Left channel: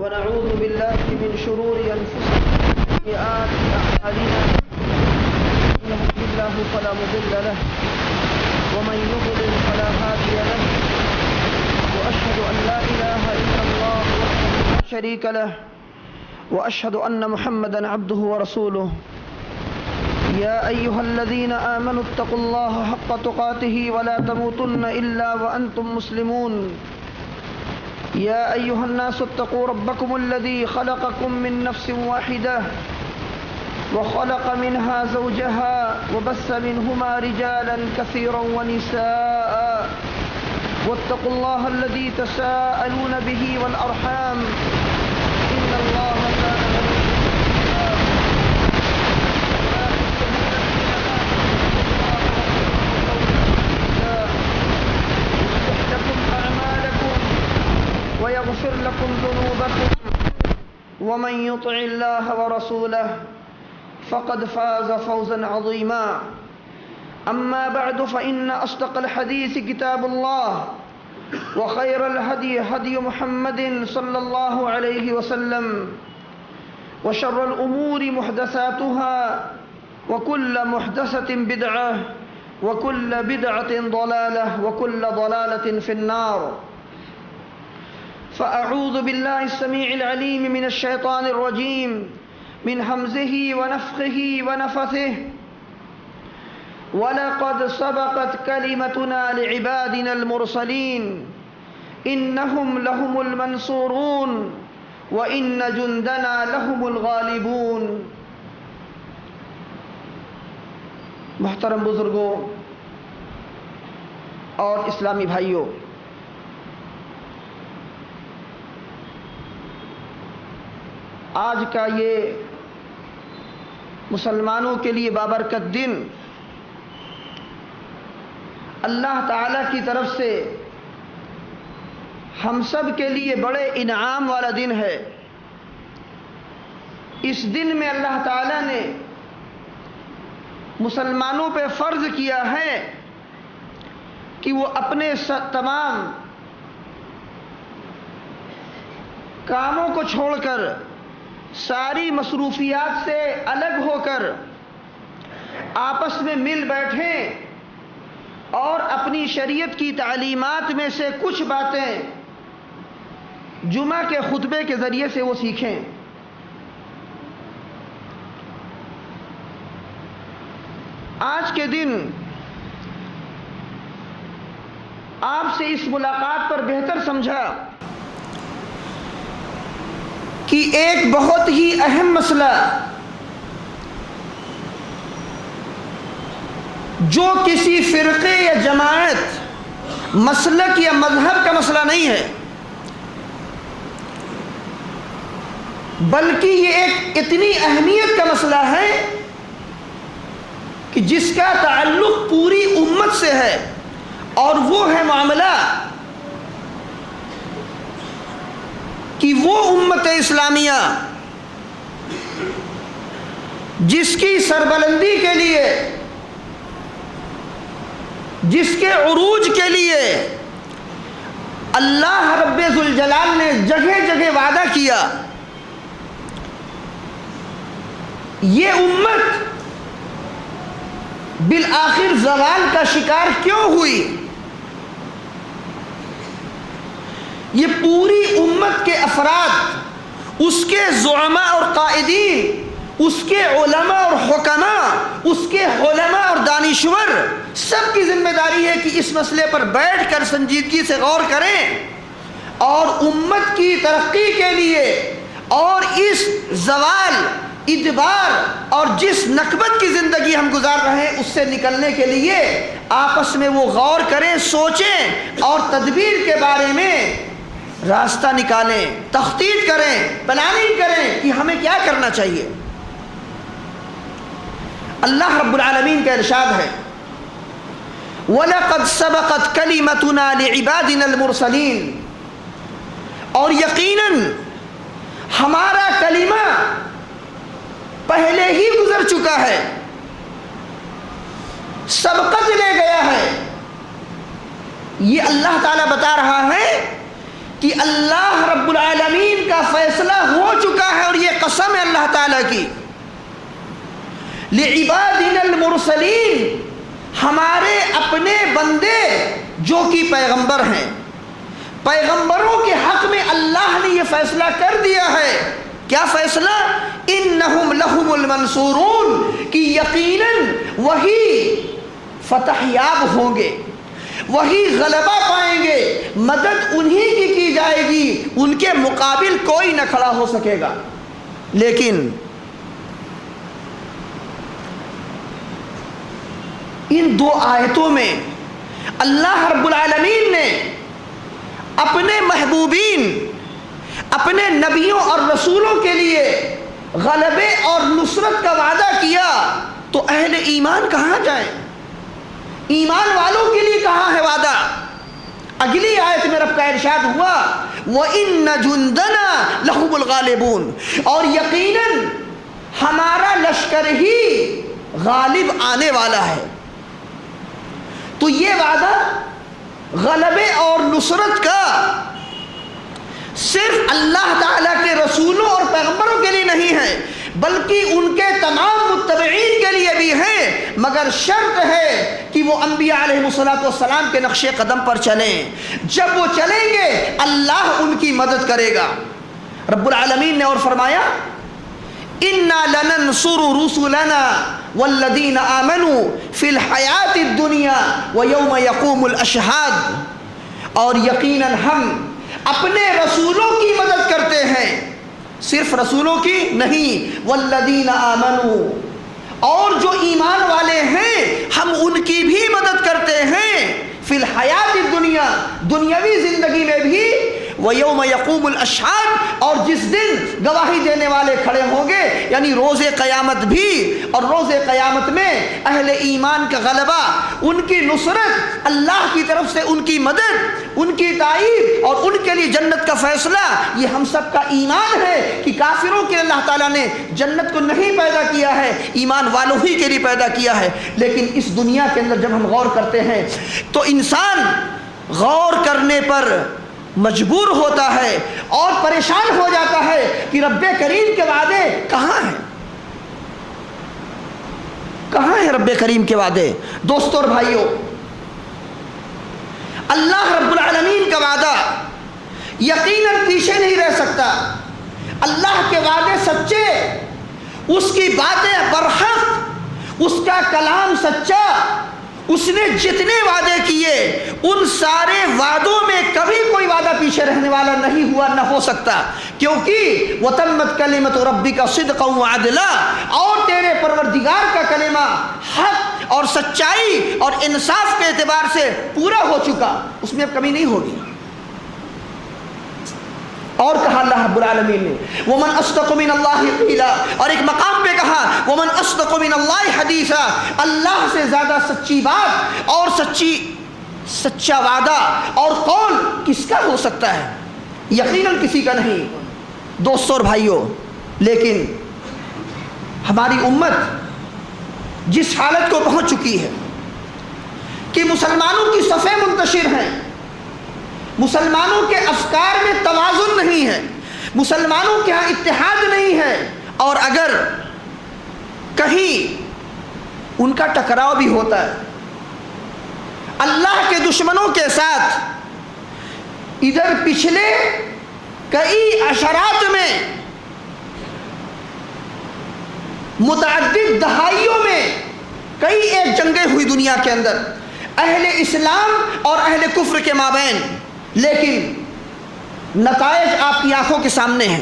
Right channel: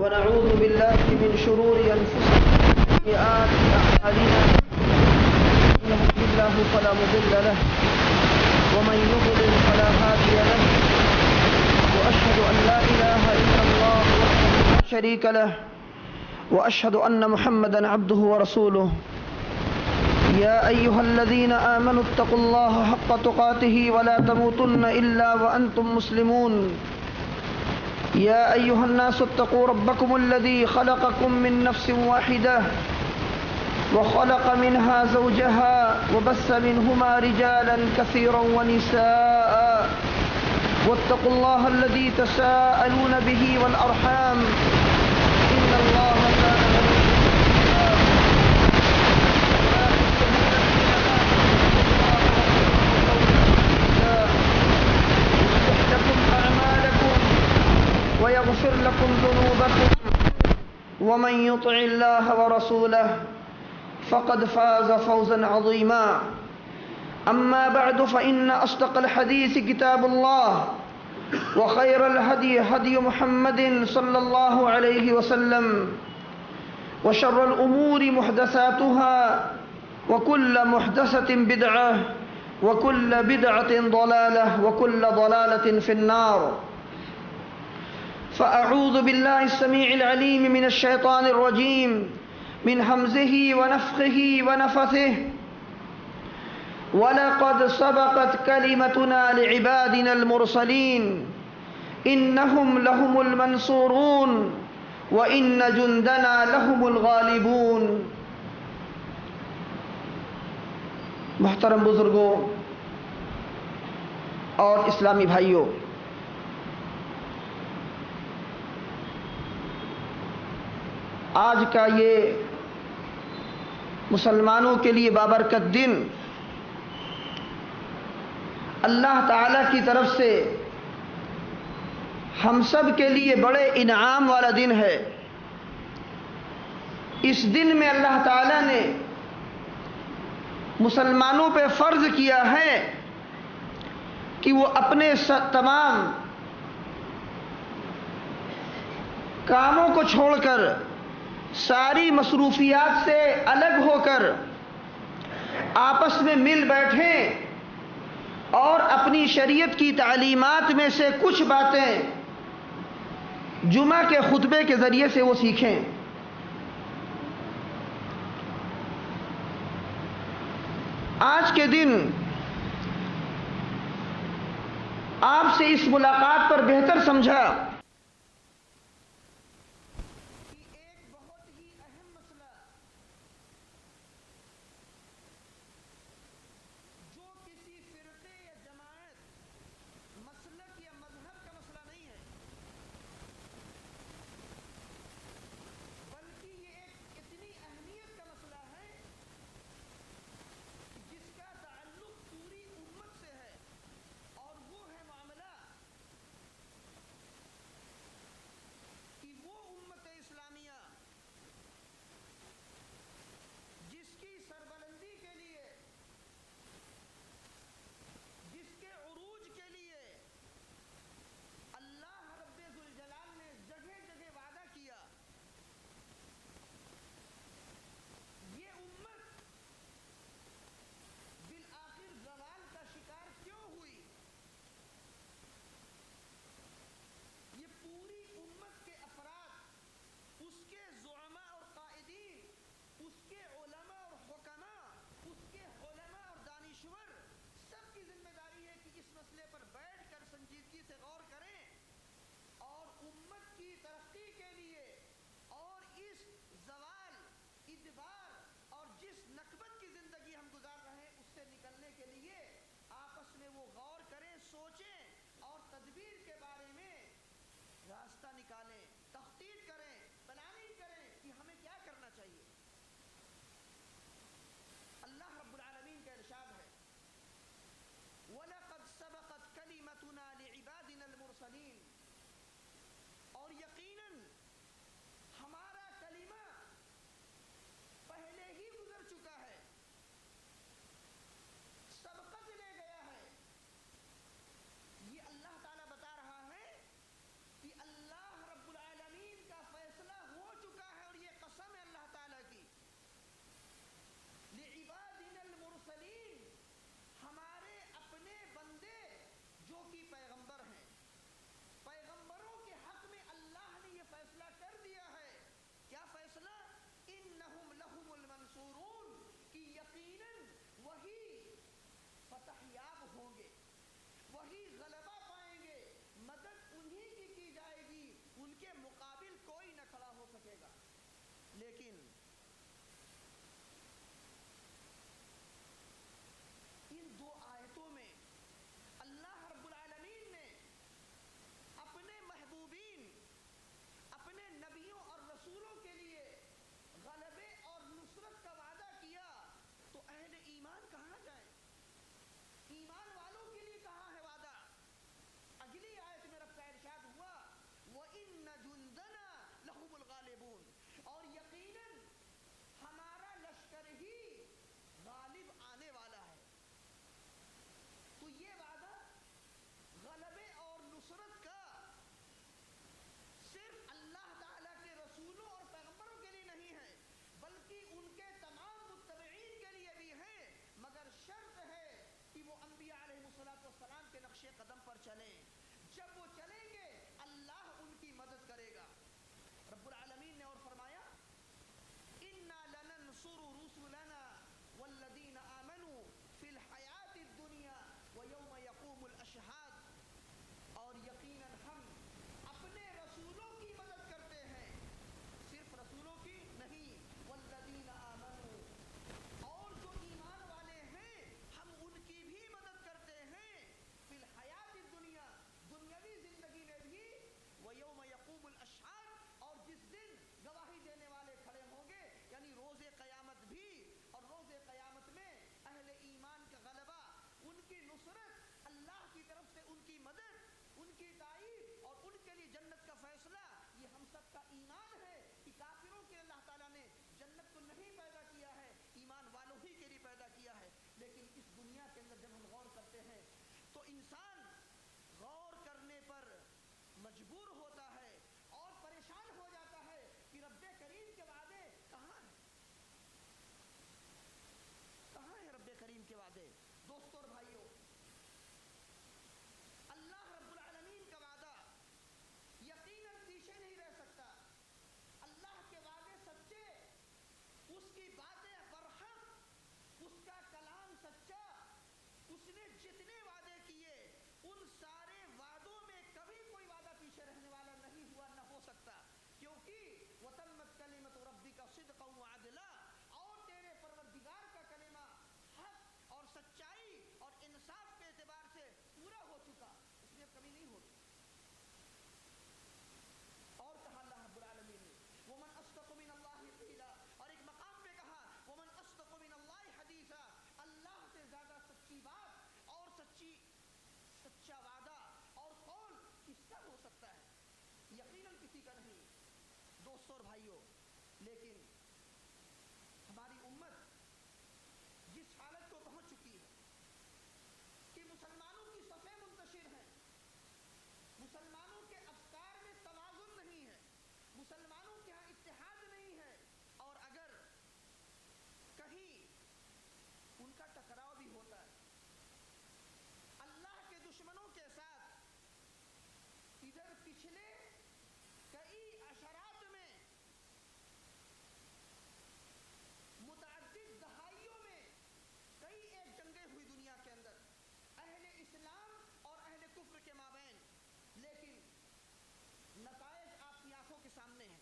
ونعوذ بالله من شرور أنفسنا وسيئات أعمالنا من يهده الله فلا مضل له ومن يضلل فلا هادي له وأشهد أن لا إله إلا الله وحده لا شريك له وأشهد أن محمدا عبده ورسوله يا أيها الذين آمنوا اتقوا الله حق تقاته ولا تموتن إلا وأنتم مسلمون يا أيها الناس اتقوا ربكم الذي خلقكم من نفس واحدة وخلق منها زوجها وبث منهما رجالا كثيرا ونساء واتقوا الله الذي تساءلون به والأرحام إن الله كان ويغفر لكم ذنوبكم ومن يطع الله ورسوله فقد فاز فوزا عظيما أما بعد فإن أصدق الحديث كتاب الله وخير الهدي هدي محمد صلى الله عليه وسلم وشر الأمور محدثاتها وكل محدثة بدعة وكل بدعة ضلالة وكل ضلالة في النار فأعوذ بالله السميع العليم من الشيطان الرجيم من همزه ونفخه ونفثه ولقد سبقت كلمتنا لعبادنا المرسلين إنهم لهم المنصورون وإن جندنا لهم الغالبون. محترم بزرگوں اور اسلامی بھائیوں، آج کا یہ مسلمانوں کے لیے بابرکت دن اللہ تعالیٰ کی طرف سے ہم سب کے لیے بڑے انعام والا دن ہے. اس دن میں اللہ تعالیٰ نے مسلمانوں پہ فرض کیا ہے کہ وہ اپنے تمام کاموں کو چھوڑ کر، ساری مصروفیات سے الگ ہو کر آپس میں مل بیٹھیں اور اپنی شریعت کی تعلیمات میں سے کچھ باتیں جمعہ کے خطبے کے ذریعے سے وہ سیکھیں. آج کے دن آپ سے اس ملاقات پر بہتر سمجھا کہ ایک بہت ہی اہم مسئلہ جو کسی فرقے یا جماعت، مسلک یا مذہب کا مسئلہ نہیں ہے، بلکہ یہ ایک اتنی اہمیت کا مسئلہ ہے کہ جس کا تعلق پوری امت سے ہے، اور وہ ہے معاملہ کہ وہ امت اسلامیہ جس کی سربلندی کے لیے، جس کے عروج کے لیے اللہ رب ذوالجلال نے جگہ جگہ وعدہ کیا، یہ امت بالآخر زوال کا شکار کیوں ہوئی؟ یہ پوری امت کے افراد، اس کے زعماء اور قائدین، اس کے علماء اور حکماء، اس کے علماء اور دانشور، سب کی ذمہ داری ہے کہ اس مسئلے پر بیٹھ کر سنجیدگی سے غور کریں اور امت کی ترقی کے لیے اور اس زوال، ادبار اور جس نکبت کی زندگی ہم گزار رہے ہیں اس سے نکلنے کے لیے آپس میں وہ غور کریں، سوچیں اور تدبیر کے بارے میں راستہ نکالیں، تخطیط کریں، پلاننگ کریں کہ ہمیں کیا کرنا چاہیے. اللہ رب العالمین کا ارشاد ہے وَلَقَدْ سَبَقَتْ كَلِمَتُنَا لِعِبَادِنَا الْمُرْسَلِينَ، اور یقیناً ہمارا کلمہ پہلے ہی گزر چکا ہے، سبقت لے گیا ہے. یہ اللہ تعالیٰ بتا رہا ہے کہ اللہ رب العالمین کا فیصلہ ہو چکا ہے اور یہ قسم ہے اللہ تعالیٰ کی، لعبادنا المرسلین، ہمارے اپنے بندے جو کہ پیغمبر ہیں، پیغمبروں کے حق میں اللہ نے یہ فیصلہ کر دیا ہے۔ کیا فیصلہ؟ انہم لہم المنصورون، کہ یقیناً وہی فتح یاب ہوں گے، وہی غلبہ پائیں گے، مدد انہی کی جائے گی، ان کے مقابل کوئی نہ کھڑا ہو سکے گا۔ لیکن ان دو آیتوں میں اللہ رب العالمین نے اپنے محبوبین، اپنے نبیوں اور رسولوں کے لیے غلبے اور نصرت کا وعدہ کیا، تو اہل ایمان کہاں جائیں؟ ایمان والوں کے لیے کہاں ہے وعدہ؟ اگلی آیت میں رب کا ارشاد ہوا وَإِنَّ جُنْدَنَا لَهُمُ الْغَالِبُونَ، اور یقیناً ہمارا لشکر ہی غالب آنے والا ہے۔ تو یہ وعدہ غلبے اور نصرت کا صرف اللہ تعالیٰ کے رسولوں اور پیغمبروں کے لیے نہیں ہے، بلکہ ان کے تمام متبعین کے لیے بھی ہے، مگر شرط ہے کہ وہ انبیاء علیہ السلام کے نقش قدم پر چلیں۔ جب وہ چلیں گے اللہ ان کی مدد کرے گا۔ رب العالمین نے اور فرمایا اِنَّا لَنَنْصُرُ رُسُلَنَا وَالَّذِينَ آمَنُوا فِي الْحَيَاةِ الدُّنْيَا وَيَوْمَ يَقُومُ الْأَشْهَادُ، اور یقیناً ہم اپنے رسولوں کی مدد کرتے ہیں، صرف رسولوں کی نہیں، وَالَّذِينَ آمَنُوا، اور جو ایمان والے ہیں ہم ان کی بھی مدد کرتے ہیں، فی الحیات الدنیا، دنیاوی زندگی میں بھی، وَيَوْمَ يَقُومُ الْأَشْهَادُ، اور جس دن گواہی دینے والے کھڑے ہوں گے، یعنی روز قیامت بھی، اور روز قیامت میں اہل ایمان کا غلبہ، ان کی نصرت، اللہ کی طرف سے ان کی مدد، ان کی تائید اور ان کے لیے جنت کا فیصلہ، یہ ہم سب کا ایمان ہے کہ کافروں کے اللہ تعالیٰ نے جنت کو نہیں پیدا کیا ہے، ایمان والوں ہی کے لیے پیدا کیا ہے۔ لیکن اس دنیا کے اندر جب ہم غور کرتے ہیں تو انسان غور کرنے پر مجبور ہوتا ہے اور پریشان ہو جاتا ہے کہ رب کریم کے وعدے کہاں ہیں؟ کہاں ہے رب کریم کے وعدے؟ دوستو اور بھائیوں، اللہ رب العالمین کا وعدہ یقیناً پیچھے نہیں رہ سکتا۔ اللہ کے وعدے سچے، اس کی باتیں برحق، اس کا کلام سچا، اس نے جتنے وعدے کیے ان سارے وعدوں میں کبھی کوئی وعدہ پیچھے رہنے والا نہیں ہوا، نہ ہو سکتا، کیونکہ وَتَمَّتْ كَلِمَةُ رَبِّكَ صِدْقًا وَعَدْلًا، اور تیرے پروردگار کا کلمہ حق اور سچائی اور انصاف کے اعتبار سے پورا ہو چکا، اس میں اب کمی نہیں ہوگی۔ اور کہا اللہ رب العالمین نے وَمَنْ أَصْدَقُ مِنَ اللَّهِ قِيلًا، اور ایک مقام پہ کہا وَمَنْ أَصْدَقُ مِنَ اللَّهِ حَدِيثًا، اللہ سے زیادہ سچی بات اور سچا وعدہ اور قول کس کا ہو سکتا ہے؟ یقیناً کسی کا نہیں۔ دوستو اور بھائیوں، لیکن ہماری امت جس حالت کو پہنچ چکی ہے کہ مسلمانوں کی صفیں منتشر ہیں، مسلمانوں کے افکار میں توازن نہیں ہے، مسلمانوں کے ہاں اتحاد نہیں ہے، اور اگر کہیں ان کا ٹکراؤ بھی ہوتا ہے اللہ کے دشمنوں کے ساتھ، ادھر پچھلے کئی عشرات میں، متعدد دہائیوں میں کئی ایک جنگیں ہوئی دنیا کے اندر اہل اسلام اور اہل کفر کے مابین، لیکن نتائج آپ کی آنکھوں کے سامنے ہیں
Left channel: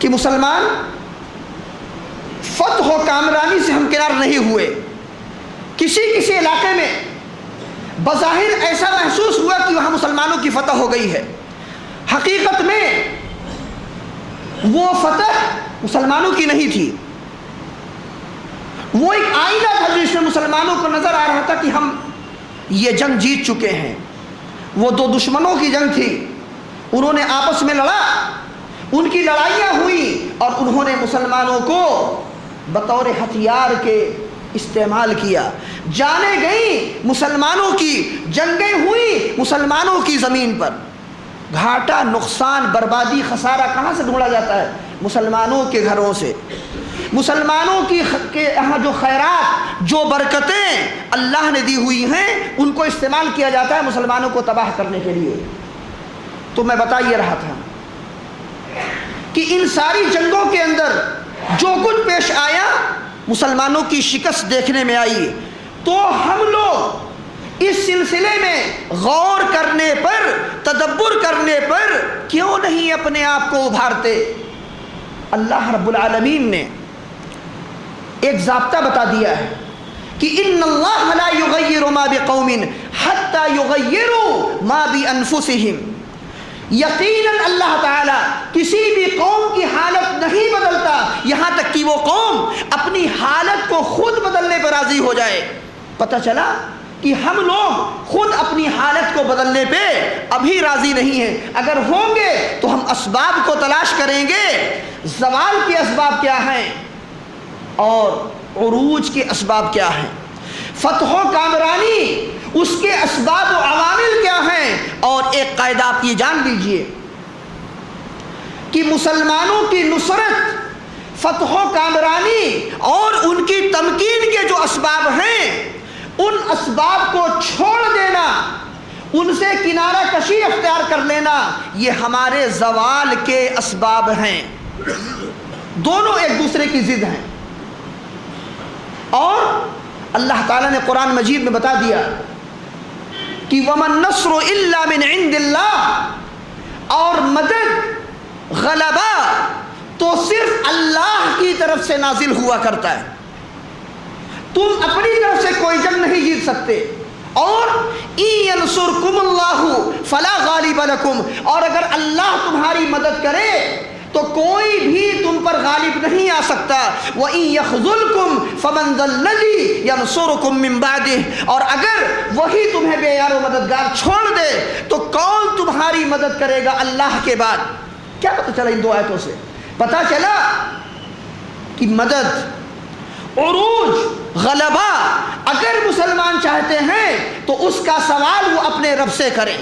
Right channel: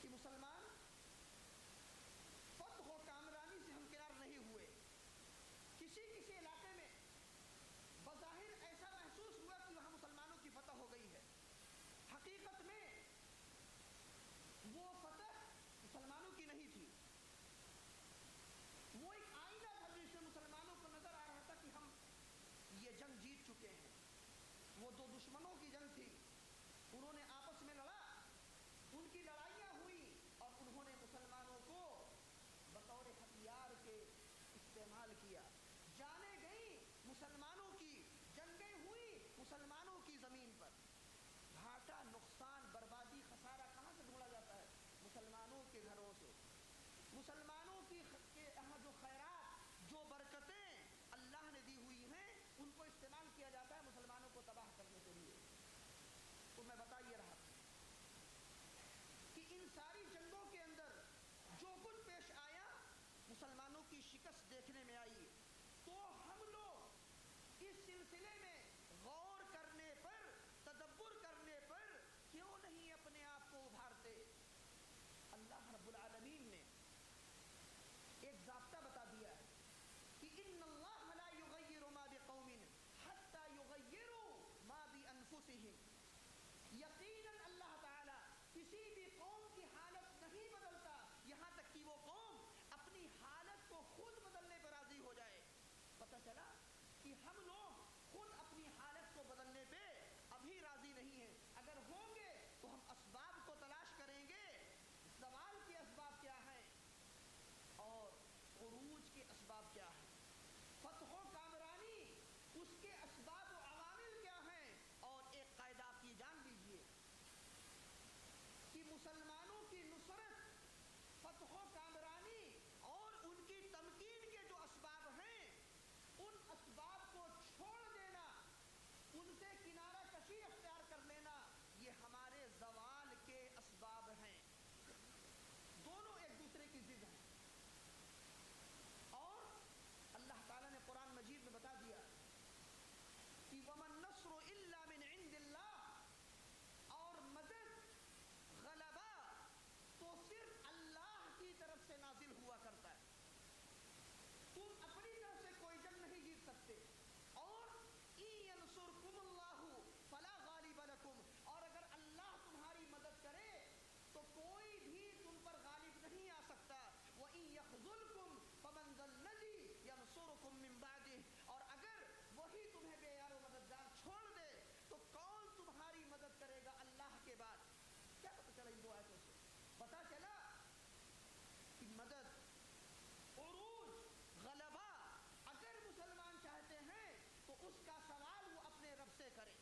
کہ مسلمان فتح و کامرانی سے ہمکنار نہیں ہوئے۔ کسی علاقے میں بظاہر ایسا محسوس ہوا کہ وہاں مسلمانوں کی فتح ہو گئی ہے، حقیقت میں وہ فتح مسلمانوں کی نہیں تھی، وہ ایک آئینہ تھا جس میں مسلمانوں کو نظر آ رہا تھا کہ ہم یہ جنگ جیت چکے ہیں۔ وہ دو دشمنوں کی جنگ تھی، انہوں نے آپس میں لڑا، ان کی لڑائیاں ہوئی اور انہوں نے مسلمانوں کو بطور ہتھیار کے استعمال کیا، جانیں گئیں مسلمانوں کی، جنگیں ہوئی مسلمانوں کی زمین پر۔ گھاٹا، نقصان، بربادی، خسارہ کہاں سے ڈھونڈا جاتا ہے؟ مسلمانوں کے گھروں سے۔ مسلمانوں کے یہاں جو خیرات، جو برکتیں اللہ نے دی ہوئی ہیں، ان کو استعمال کیا جاتا ہے مسلمانوں کو تباہ کرنے کے لیے۔ تو میں بتا یہ رہا تھا کہ ان ساری جنگوں کے اندر جو کچھ پیش آیا، مسلمانوں کی شکست دیکھنے میں آئی۔ تو ہم لوگ اس سلسلے میں غور کرنے پر، تدبر کرنے پر کیوں نہیں اپنے آپ کو ابھارتے؟ اللہ رب العالمین نے ایک ضابطہ بتا دیا ہے کہ ان اللہ لا یغیر ما بقوم حتی یغیروا ما بانفسہم۔ یقیناً اللہ تعالیٰ کسی بھی قوم کی حالت نہیں بدلتا یہاں تک کہ وہ قوم اپنی حالت کو خود بدلنے پر راضی ہو جائے۔ پتہ چلا کہ ہم لوگ خود اپنی حالت کو بدلنے پہ ابھی راضی نہیں ہیں۔ اگر ہوں گے تو ہم اسباب کو تلاش کریں گے۔ زوال کے اسباب کیا ہیں اور عروج کے اسباب کیا ہیں، فتح و کامرانی اس کے اسباب و عوامل کیا ہیں۔ اور ایک قاعدہ آپ یہ جان لیجئے کہ مسلمانوں کی نصرت، فتح و کامرانی اور ان کی تمکین کے جو اسباب ہیں، ان اسباب کو چھوڑ دینا، ان سے کنارہ کشی اختیار کر لینا، یہ ہمارے زوال کے اسباب ہیں۔ دونوں ایک دوسرے کی ضد ہیں۔ اور اللہ تعالیٰ نے قرآن مجید میں بتا دیا کہ وَمَا النَّصْرُ إِلَّا مِنْ عِنْدِ اللَّهِ، اور مدد، غلبہ تو صرف اللہ کی طرف سے نازل ہوا کرتا ہے۔ تم اپنی طرف سے کوئی جنگ نہیں جیت سکتے۔ اور إِن يَنْصُرْكُمُ اللَّهُ فَلَا غَالِبَ لَكُمْ، اور اگر اللہ تمہاری مدد کرے تو کوئی بھی تم پر غالب نہیں آ سکتا۔ وَإِن يَخْذُلْكُمْ فَمَنْ ذَا الَّذِي يَنْصُرُكُمْ مِنْ بَعْدِهِ، اور اگر وہی تمہیں بے یار و مددگار چھوڑ دے تو کون تمہاری مدد کرے گا اللہ کے بعد؟ کیا پتہ چلا ان دو آیتوں سے؟ پتہ چلا کہ مدد، عروج، غلبہ اگر مسلمان چاہتے ہیں تو اس کا سوال وہ اپنے رب سے کریں،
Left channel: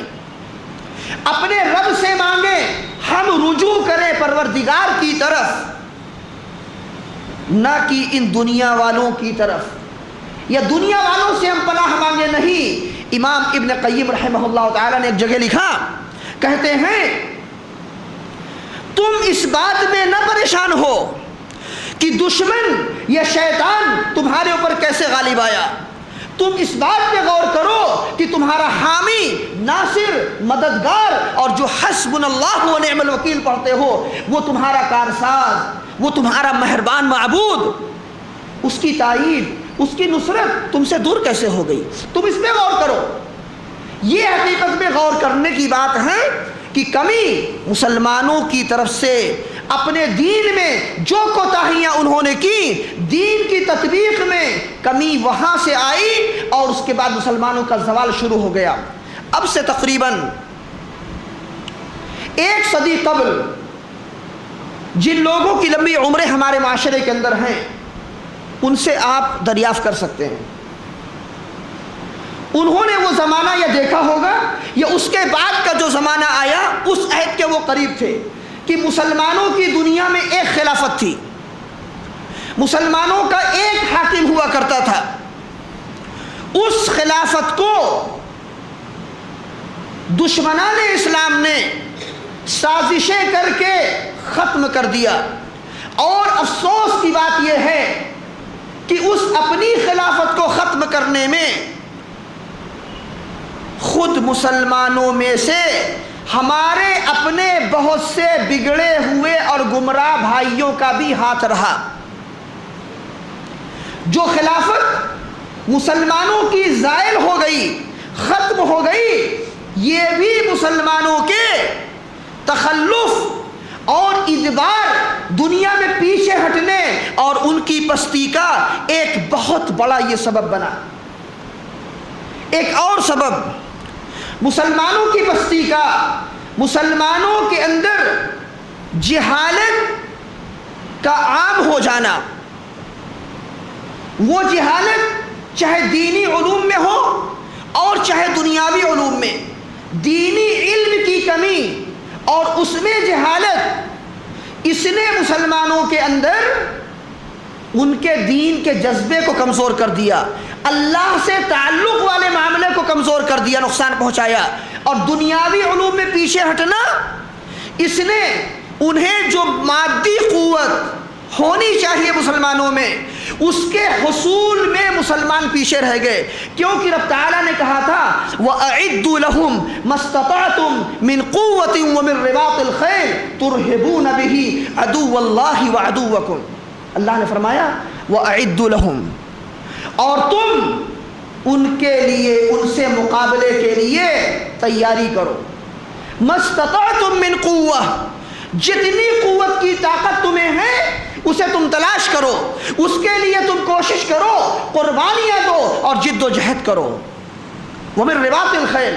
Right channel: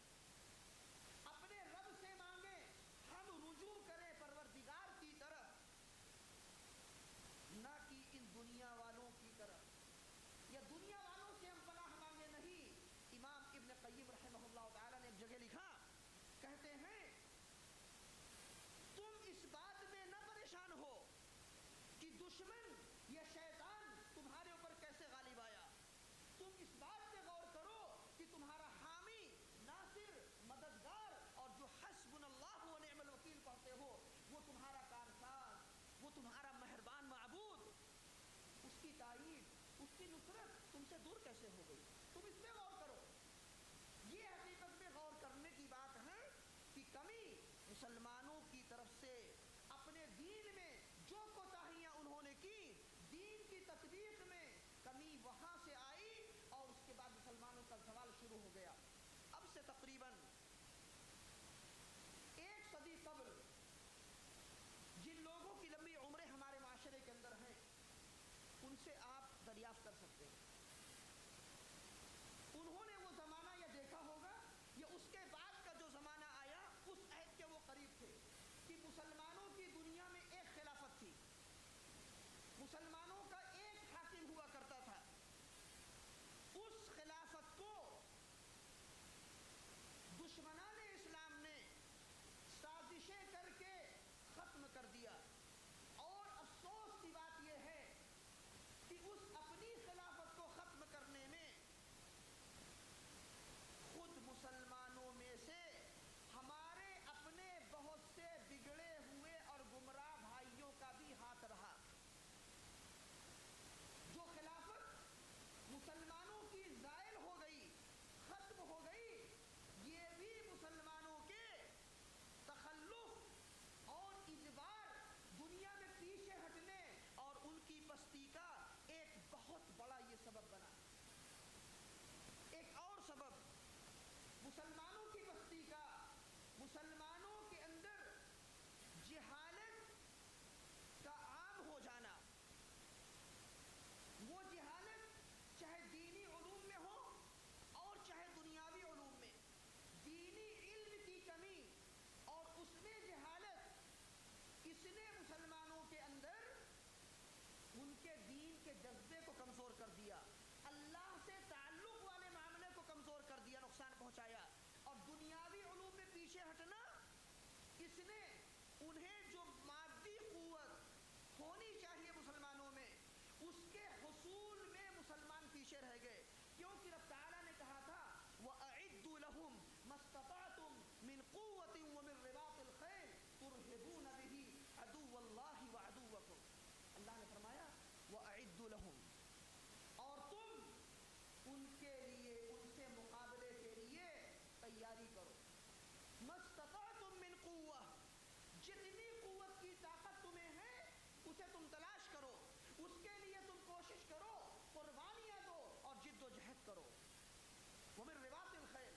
اپنے رب سے مانگیں، ہم رجوع کریں پروردگار کی طرف، نہ کہ ان دنیا والوں کی طرف، یا دنیا والوں سے ہم پناہ مانگے نہیں۔ امام ابن قیم رحمہ اللہ تعالی نے ایک جگہ لکھا، کہتے ہیں تم اس بات میں نہ پریشان ہو کہ دشمن یا شیطان تمہارے اوپر کیسے غالب آیا، تم اس بات پہ غور کرو کہ تمہارا حامی، ناصر، مددگار اور جو حسبنا اللہ و نعم الوکیل پڑھتے ہو وہ تمہارا کارساز، وہ تمہارا مہربان معبود، اس کی تائید، اس کی نصرت تم سے دور کیسے ہو گئی؟ تم اس پہ غور کرو۔ یہ حقیقت میں غور کرنے کی بات ہے کہ کمی مسلمانوں کی طرف سے اپنے دین میں جو کوتاہیاں انہوں نے کی، دین کی تطبیق میں کمی وہاں سے آئی، اور اس کے بعد مسلمانوں کا زوال شروع ہو گیا۔ اب سے تقریباً 1 صدی قبل جن لوگوں کی لمبی عمریں ہمارے معاشرے کے اندر ہیں، ان سے آپ دریافت کر سکتے ہیں، انہوں نے وہ زمانہ یا دیکھا ہوگا یا اس کے بعد کا جو زمانہ آیا اس عہد کے وہ قریب تھے کہ مسلمانوں کی دنیا میں ایک خلافت تھی، مسلمانوں کا ایک حاکم ہوا کرتا تھا۔ اس خلافت کو دشمنان اسلام نے سازشیں کر کے ختم کر دیا، اور افسوس کی بات یہ ہے کہ اس اپنی خلافت کو ختم کرنے میں خود مسلمانوں میں سے ہمارے اپنے بہت سے بگڑے ہوئے اور گمراہ بھائیوں کا بھی ہاتھ رہا۔ جو خلافت مسلمانوں کی زائل ہو گئی، ختم ہو گئی، یہ بھی مسلمانوں کے تخلف اور ادبار، دنیا میں پیچھے ہٹنے اور ان کی پستی کا ایک بہت بڑا یہ سبب بنا۔ ایک اور سبب مسلمانوں کی پستی کا، مسلمانوں کے اندر جہالت کا عام ہو جانا۔ وہ جہالت چاہے دینی علوم میں ہو اور چاہے دنیاوی علوم میں، دینی علم کی کمی اور اس میں جہالت، اس نے مسلمانوں کے اندر ان کے دین کے جذبے کو کمزور کر دیا، اللہ سے تعلق والے معاملے کو کمزور کر دیا، نقصان پہنچایا۔ اور دنیاوی علوم میں پیچھے ہٹنا، اس نے انہیں جو مادی قوت ہونی چاہیے مسلمانوں میں، اس کے حصول میں مسلمان پیچھے رہ گئے، کیونکہ رب تعالیٰ نے کہا تھا وَأَعِدُّوا لَهُمْ مَا اسْتَطَعْتُم مِّن قُوَّةٍ وَمِن رِّبَاطِ الْخَيْلِ تُرْهِبُونَ بِهِ عَدُوَّ اللَّهِ وَعَدُوَّكُمْ، اللہ نے فرمایا وَأَعِدُّوا لَهُمْ، اور تم ان کے لیے، ان سے مقابلے کے لیے تیاری کرو، مَا اسْتَطَعْتُم مِّن قُوَّةٍ، جتنی قوت کی طاقت تمہیں ہے اسے تم تلاش کرو، اس کے لیے تم کوشش کرو، قربانیاں دو اور جد و جہد کرو، وَمِن رِّبَاطِ الْخَيْلِ،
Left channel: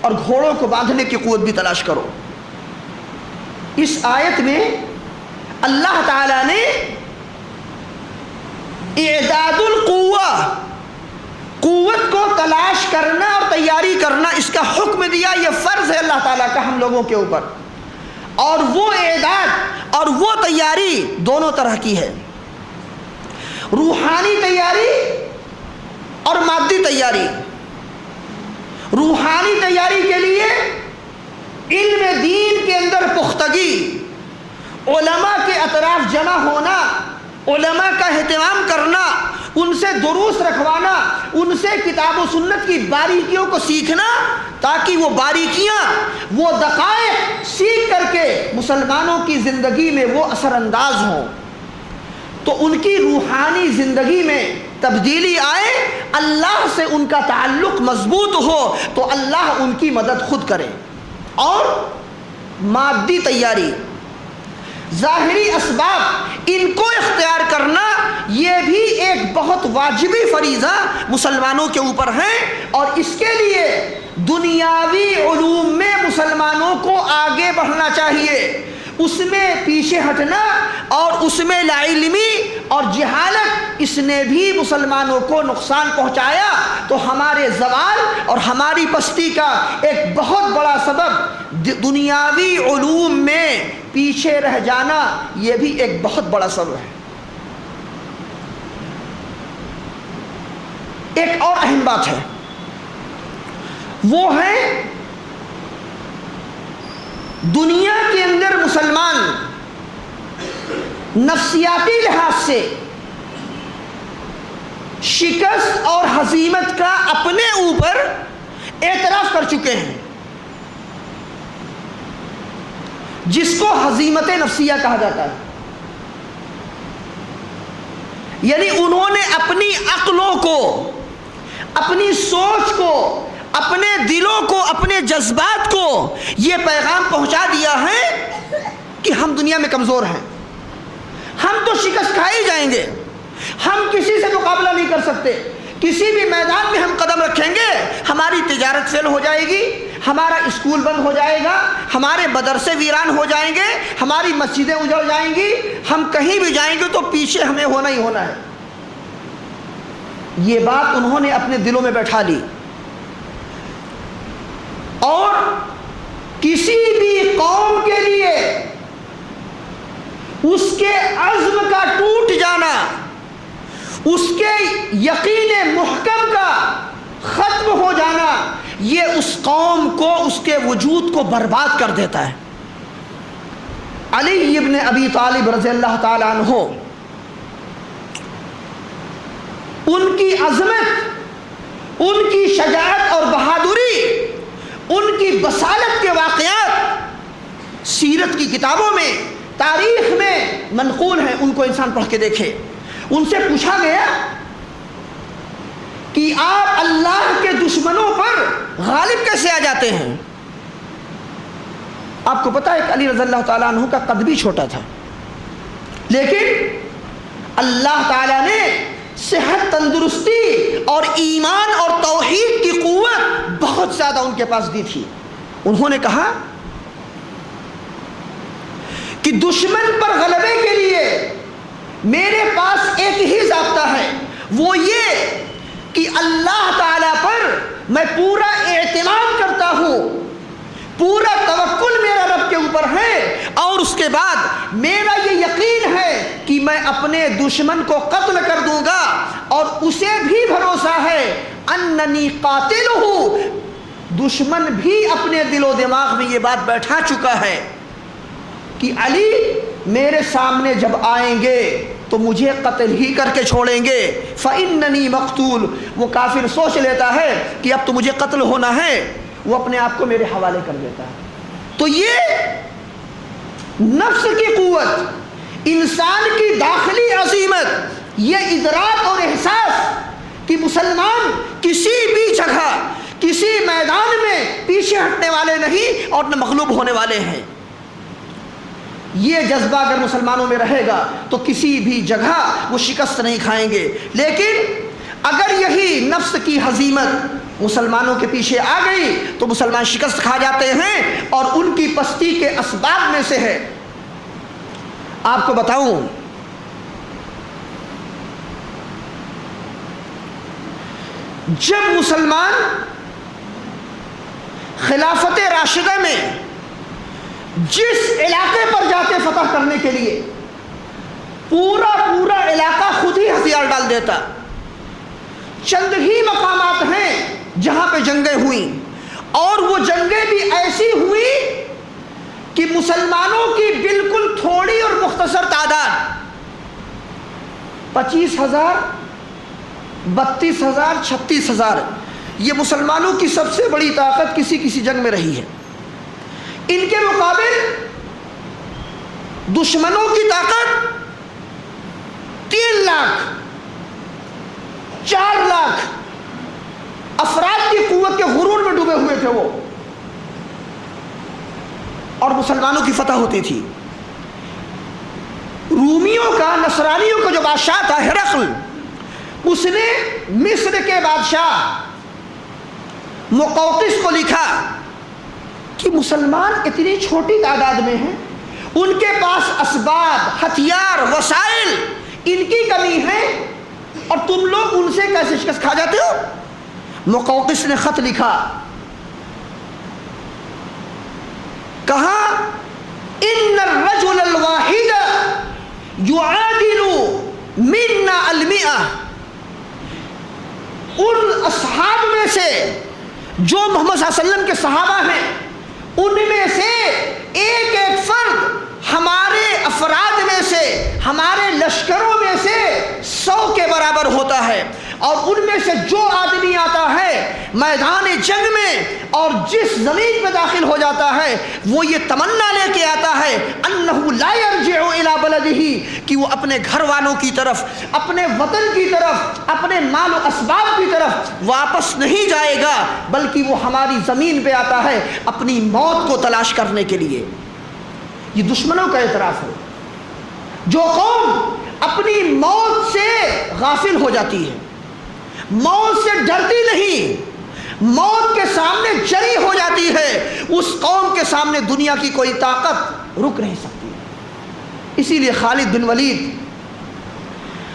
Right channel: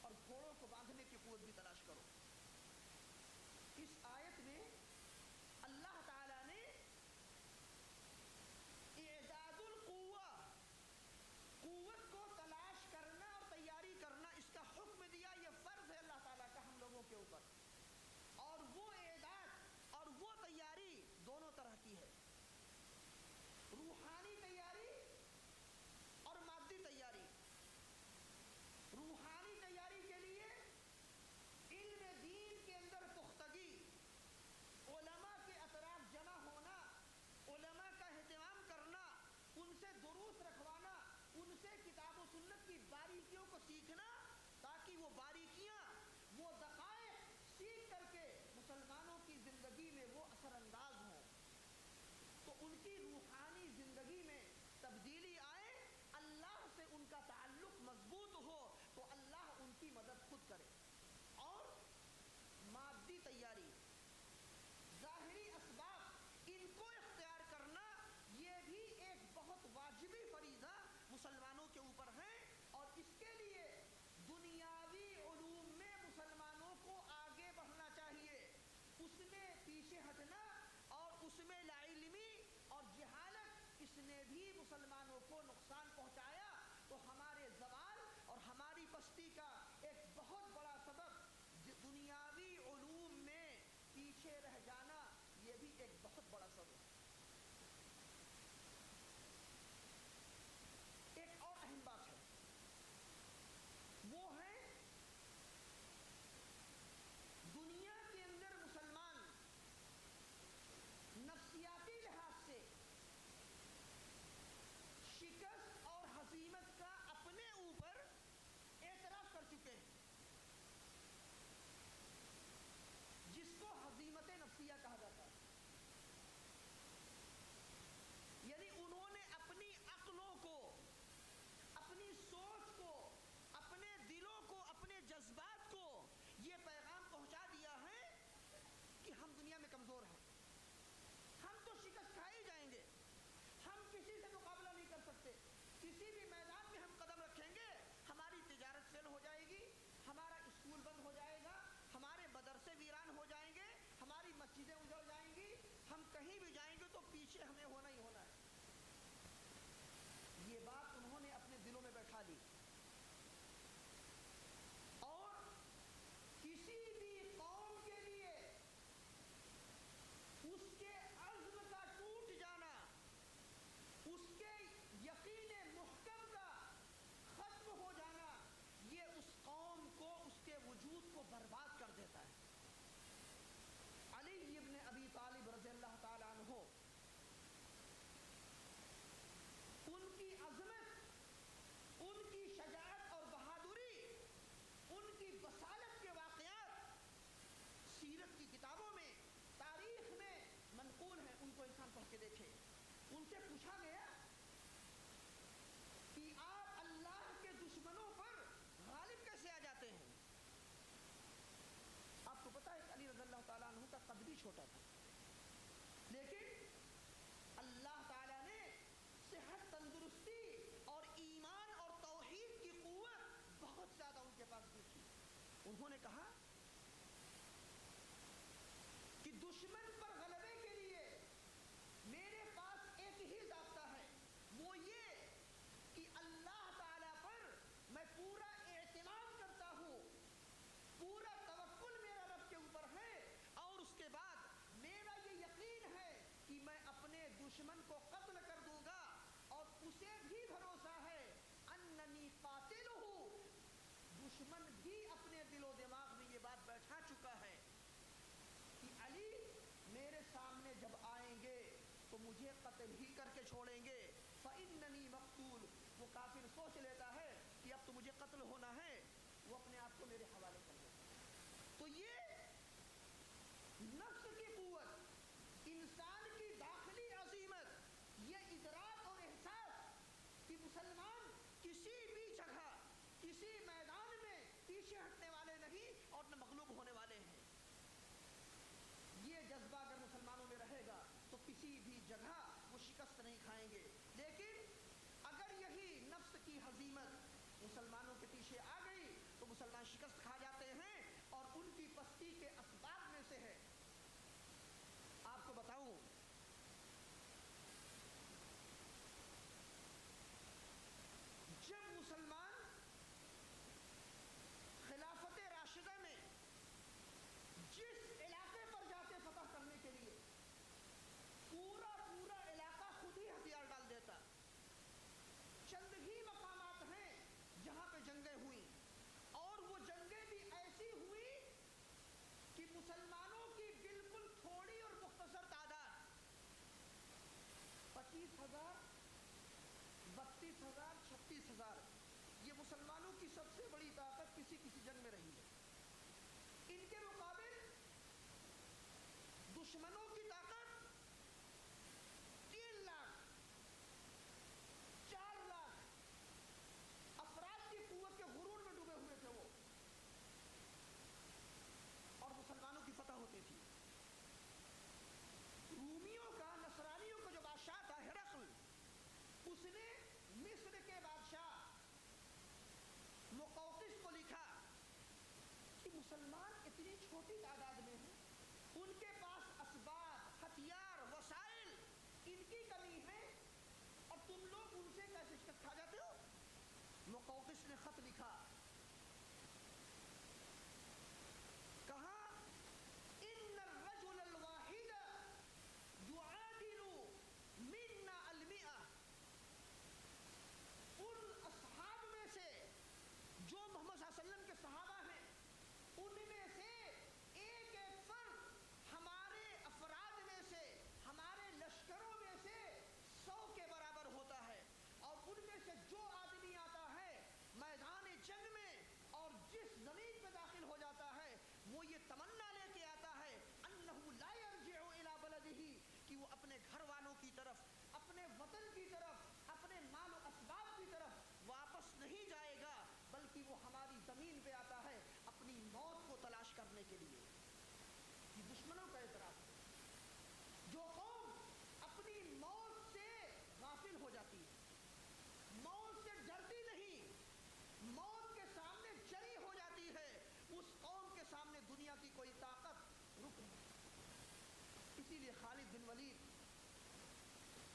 اور گھوڑوں کو باندھنے کی قوت بھی تلاش کرو۔ اس آیت میں اللہ تعالیٰ نے اعداد القوہ، قوت کو تلاش کرنا اور تیاری کرنا، اس کا حکم دیا، یہ فرض ہے اللہ تعالیٰ کا ہم لوگوں کے اوپر۔ اور وہ اعداد اور وہ تیاری دونوں طرح کی ہے، روحانی تیاری اور مادی تیاری۔ روحانی تیاری کے لیے علم دین کے اندر پختگی، علماء کے اطراف جمع ہونا، علماء کا اہتمام کرنا، ان سے دروس رکھوانا، ان سے کتاب و سنت کی باریکیوں کو سیکھنا، تاکہ وہ باریکیاں، وہ دقائق سیکھ کر کے مسلمانوں کی زندگی میں وہ اثر انداز ہوں، تو ان کی روحانی زندگی میں تبدیلی آئے، اللہ سے ان کا تعلق مضبوط ہو تو اللہ ان کی مدد خود کرے۔ اور مادی تیاری، ظاہری اسباب، ان کو اختیار کرنا یہ بھی ایک بہت واجبی فریضہ مسلمانوں کے اوپر ہے، اور اس کے لیے دنیاوی علوم میں مسلمانوں کو آگے بڑھنا چاہیے، اس میں پیچھے ہٹنا اور اس میں لا علمی اور جہالت، اس نے بھی مسلمانوں کو نقصان پہنچایا۔ تو ہمارے زوال اور ہماری پستی کا ایک بہت بڑا سبب دنیاوی علوم میں پیچھے رہ جانا، یہ بھی ایک بہت بڑا سبب ہے۔ ایک اور اہم بات ہے، وہ ہے دنیا کے اندر مسلمان نفسیاتی لحاظ سے شکست اور ہزیمت کا اپنے اوپر اعتراف کر چکے ہیں، جس کو ہزیمت نفسیہ کہا جاتا ہے۔ یعنی انہوں نے اپنی عقلوں کو، اپنی سوچ کو، اپنے دلوں کو، اپنے جذبات کو یہ پیغام پہنچا دیا ہے کہ ہم دنیا میں کمزور ہیں، ہم تو شکست کھائے جائیں گے، ہم کسی سے مقابلہ نہیں کر سکتے، کسی بھی میدان میں ہم قدم رکھیں گے ہماری تجارت فیل ہو جائے گی، ہمارا اسکول بند ہو جائے گا، ہمارے مدرسے ویران ہو جائیں گے، ہماری مسجدیں اجڑ جائیں گی، ہم کہیں بھی جائیں گے تو پیچھے ہمیں ہونا ہی ہونا ہے۔ یہ بات انہوں نے اپنے دلوں میں بیٹھا لی، اور کسی بھی قوم کے لیے اس کے عزم کا ٹوٹ جانا، اس کے یقین محکم کا ختم ہو جانا، یہ اس قوم کو، اس کے وجود کو برباد کر دیتا ہے۔ علی ابن ابی طالب رضی اللہ تعالی عنہ، ان کی عظمت، ان کی شجاعت اور بہادری، ان کی بصالت کے واقعات سیرت کی کتابوں میں، تاریخ میں منقول ہیں، ان کو انسان پڑھ کے دیکھے۔ ان سے پوچھا گیا کہ آپ اللہ کے دشمنوں پر غالب کیسے آ جاتے ہیں؟ آپ کو پتہ ہے کہ علی رضی اللہ تعالیٰ عنہ کا قد بھی چھوٹا تھا، لیکن اللہ تعالیٰ نے صحت، تندرستی اور ایمان اور توحید کی قوت بہت زیادہ ان کے پاس دی تھی۔ انہوں نے کہا کہ دشمن پر غلبے کے لیے میرے پاس ایک ہی ضابطہ ہے، وہ یہ کہ اللہ تعالیٰ پر میں پورا اعتماد کرتا ہوں، پورا توکل میرا رب کے اوپر ہے، اور اس کے بعد میرا یہ یقین ہے کہ میں اپنے دشمن کو قتل کر دوں گا، اور اسے بھی بھروسہ ہے اننی قاتلہ، دشمن بھی اپنے دل و دماغ میں یہ بات بیٹھا چکا ہے کہ علی میرے سامنے جب آئیں گے تو مجھے قتل ہی کر کے چھوڑیں گے، فَإِنَّنِي مَقْتُولٌ، وہ کافر سوچ لیتا ہے کہ اب تو مجھے قتل ہونا ہے، وہ اپنے آپ کو میرے حوالے کر دیتا ہے۔ تو یہ نفس کی قوت، انسان کی داخلی عظیمت، یہ ادراک اور احساس کہ مسلمان کسی بھی جگہ کسی میدان میں پیچھے ہٹنے والے نہیں اور نہ مغلوب ہونے والے ہیں، یہ جذبہ اگر مسلمانوں میں رہے گا تو کسی بھی جگہ وہ شکست نہیں کھائیں گے۔ لیکن اگر یہی نفس کی ہزیمت مسلمانوں کے پیچھے آ گئی تو مسلمان شکست کھا جاتے ہیں، اور ان کی پستی کے اسباب میں سے ہے۔ آپ کو بتاؤں، جب مسلمان خلافت راشدہ میں جس علاقے پر جاتے فتح کرنے کے لیے، پورا علاقہ خود ہی ہتھیار ڈال دیتا۔ چند ہی مقامات ہیں جہاں پہ جنگیں ہوئیں، اور وہ جنگیں بھی ایسی ہوئی کہ مسلمانوں کی بالکل تھوڑی اور مختصر تعداد، 25,000 32,000 36,000، یہ مسلمانوں کی سب سے بڑی طاقت کسی جنگ میں رہی ہے۔ ان کے مقابل دشمنوں کی طاقت 3 لاکھ 4 لاکھ افراد کی قوت کے غرور میں ڈوبے ہوئے تھے وہ، اور مسلمانوں کی فتح ہوتی تھی۔ رومیوں کا، نصرانیوں کا جو بادشاہ تھا ہرقل، اس نے مصر کے بادشاہ مقوقس کو لکھا کہ مسلمان اتنی چھوٹی تعداد میں ہیں، ان کے پاس اسباب، ہتھیار، وسائل، ان کی کمی ہے، اور تم لوگ ان سے کیسے شکست کھا جاتے ہو؟ مقوقس نے خط لکھا، کہا ان الرجل الواحد يعادل منا 100، ان اصحاب میں سے جو محمد صلی اللہ علیہ وسلم کے صحابہ ہیں، ان میں سے ایک فرد ہمارے افراد میں سے، ہمارے لشکروں میں سے 100 کے برابر ہوتا ہے، اور ان میں سے جو آدمی آتا ہے میدان جنگ میں اور جس زمین پہ داخل ہو جاتا ہے، وہ یہ تمنا لے کے آتا ہے انہ لا یرجع الی بلدہ، کہ وہ اپنے گھر والوں کی طرف، اپنے وطن کی طرف، اپنے مال و اسباب کی طرف واپس نہیں جائے گا، بلکہ وہ ہماری زمین پہ آتا ہے اپنی موت کو تلاش کرنے کے لیے۔ یہ دشمنوں کا اعتراف ہے۔ جو قوم اپنی موت سے غافل ہو جاتی ہے، موت سے ڈرتی نہیں، موت کے سامنے جری ہو جاتی ہے، اس قوم کے سامنے دنیا کی کوئی طاقت رک نہیں سکتی۔ اسی لیے خالد بن ولید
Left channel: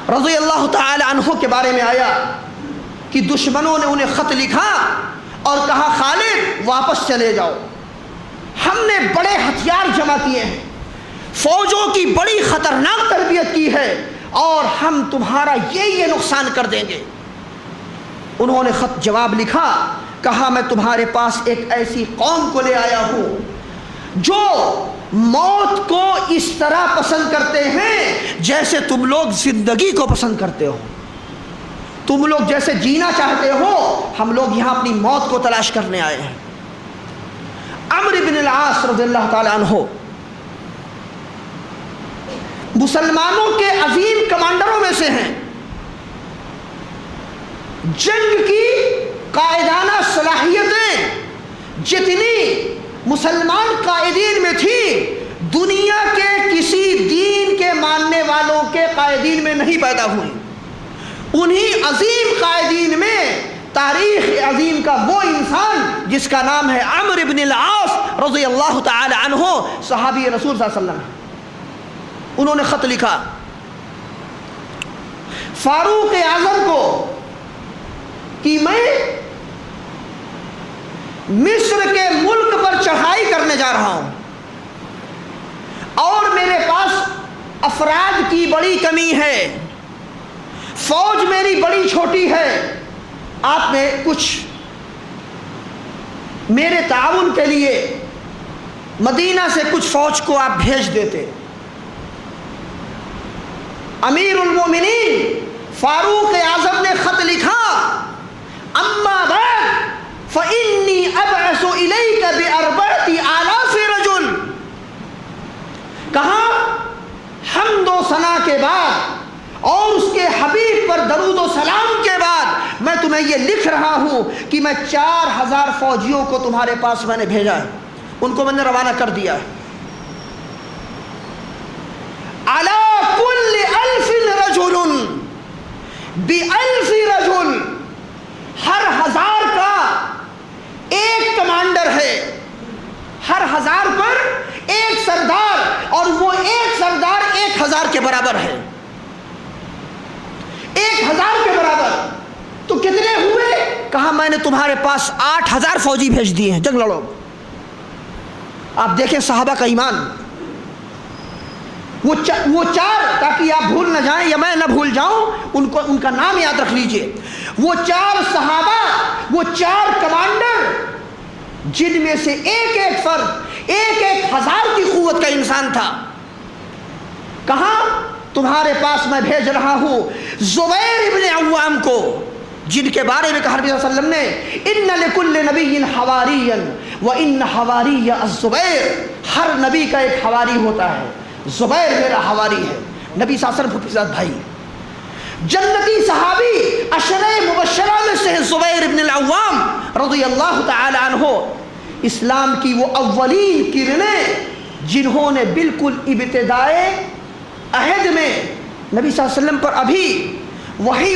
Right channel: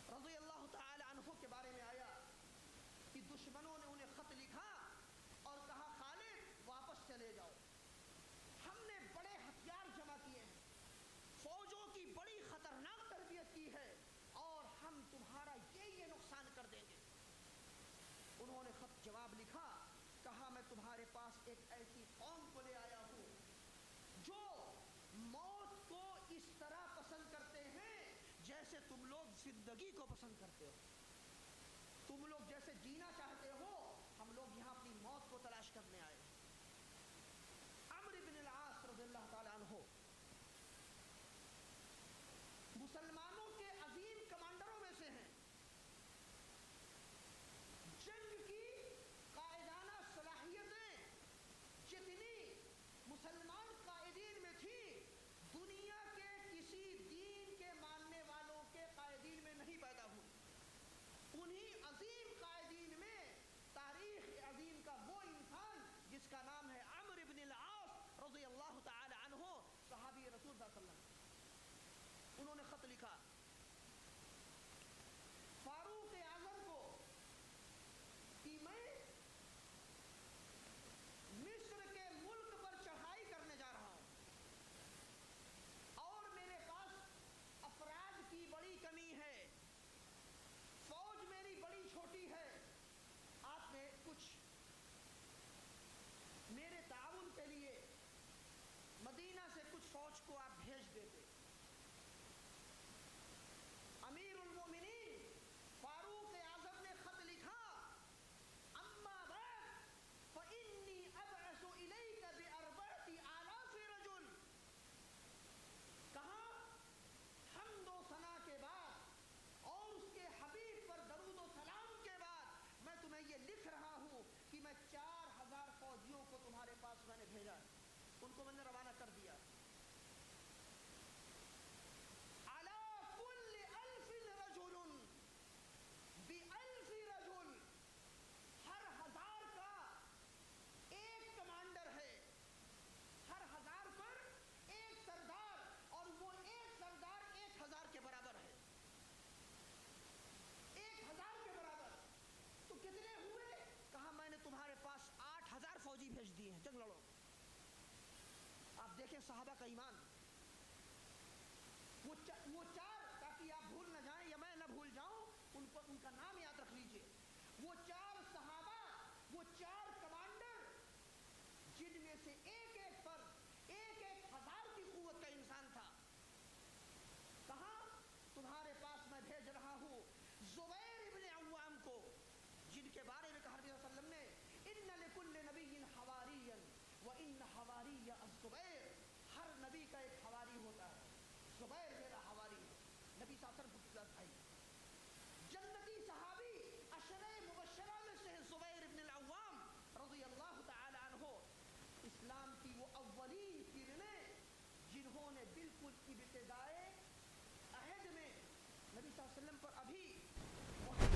رضی اللہ تعالی عنہ کے بارے میں آیا کہ دشمنوں نے انہیں خط لکھا اور کہا خالد واپس چلے جاؤ، ہم نے بڑے ہتھیار جمع کیے ہیں، فوجوں کی بڑی خطرناک تربیت کی ہے، اور ہم تمہارا یہ نقصان کر دیں گے۔ انہوں نے خط جواب لکھا، کہا میں تمہارے پاس ایک ایسی قوم کو لے آیا ہوں جو موت کو اس طرح پسند کرتے ہیں جیسے تم لوگ زندگی کو پسند کرتے ہو، تم لوگ جیسے جینا چاہتے ہو، ہم لوگ یہاں اپنی موت کو تلاش کرنے آئے ہیں۔ عمرو بن العاص رضی اللہ تعالی عنہ مسلمانوں کے عظیم کمانڈروں میں سے ہیں، جنگ کی قائدانہ صلاحیتیں جتنی مسلمان قائدین میں تھی، دنیا کے کسی دین کے ماننے والوں کے قائدین میں نہیں پیدا ہوئی۔ انہی عظیم قائدین میں تاریخ عظیم کا وہ انسان جس کا نام ہے عمرو بن العاص رضی اللہ تعالی عنہ، صحابی رسول صلی اللہ علیہ وسلم، انہوں نے خط لکھا فاروق اعظم کو کہ میں مصر کے ملک پر پر چڑھائی کرنے جا رہا ہوں اور میرے پاس افراد کی بڑی کمی ہے، فوج میری بڑی چھوٹی ہے، آپ نے کچھ میرے تعاون کے لیے مدینہ سے کچھ فوج کو آپ بھیج دیتے۔ امیر المومنین فاروق اعظم نے خط لکھا، اما بعد فإنی ابعث الیک بأربعۃ آلاف رجل، کہا حمد و ثنا کے بعد اور اس کے حبیب پر درود و سلام کے بعد میں تمہیں یہ لکھ رہا ہوں کہ میں 4000 فوجیوں کو تمہارے پاس میں نے بھیجا ہے، ان کو میں نے روانہ کر دیا ہے۔ علی کل 1000 رجل ب1000 رجل، ہر 1000 کا ایک کمانڈر ہے، ہر 1000 پر ایک سردار، اور وہ ایک سردار 1000 کے برابر ہے، 1000 کے برابر۔ تو کتنے ہوئے؟ کہا میں نے تمہارے پاس 8000 فوجی بھیج دیے ہیں، جنگ لڑو۔ آپ دیکھیں صحابہ کا ایمان، وہ 4، تاکہ آپ بھول نہ جائیں یا میں نہ بھول جاؤں، ان کا نام یاد رکھ لیجئے، وہ 4 صحابہ، وہ 4 کمانڈر، جن میں سے ایک ایک فرد 1000 کی قوت کا انسان تھا۔ کہاں؟ تمہارے پاس میں بھیج رہا ہوں زبیر ابن عوام کو، جن کے بارے میں کہا نبی صلی اللہ علیہ وسلم نے ان لکل نبی حواری وان حواری الزبیر، ہر نبی کا ایک حواری ہوتا ہے، زبیر میرا حواری ہے۔ نبی صلی اللہ علیہ وسلم کے ساتھ بھائی جنتی صحابی عشرہ مبشرہ میں سے زبیر ابن العوام رضی اللہ تعالی عنہ، اسلام کی وہ اولین کرنیں جنہوں نے بالکل ابتدائے عہد میں نبی صلی اللہ علیہ وسلم پر ابھی وحی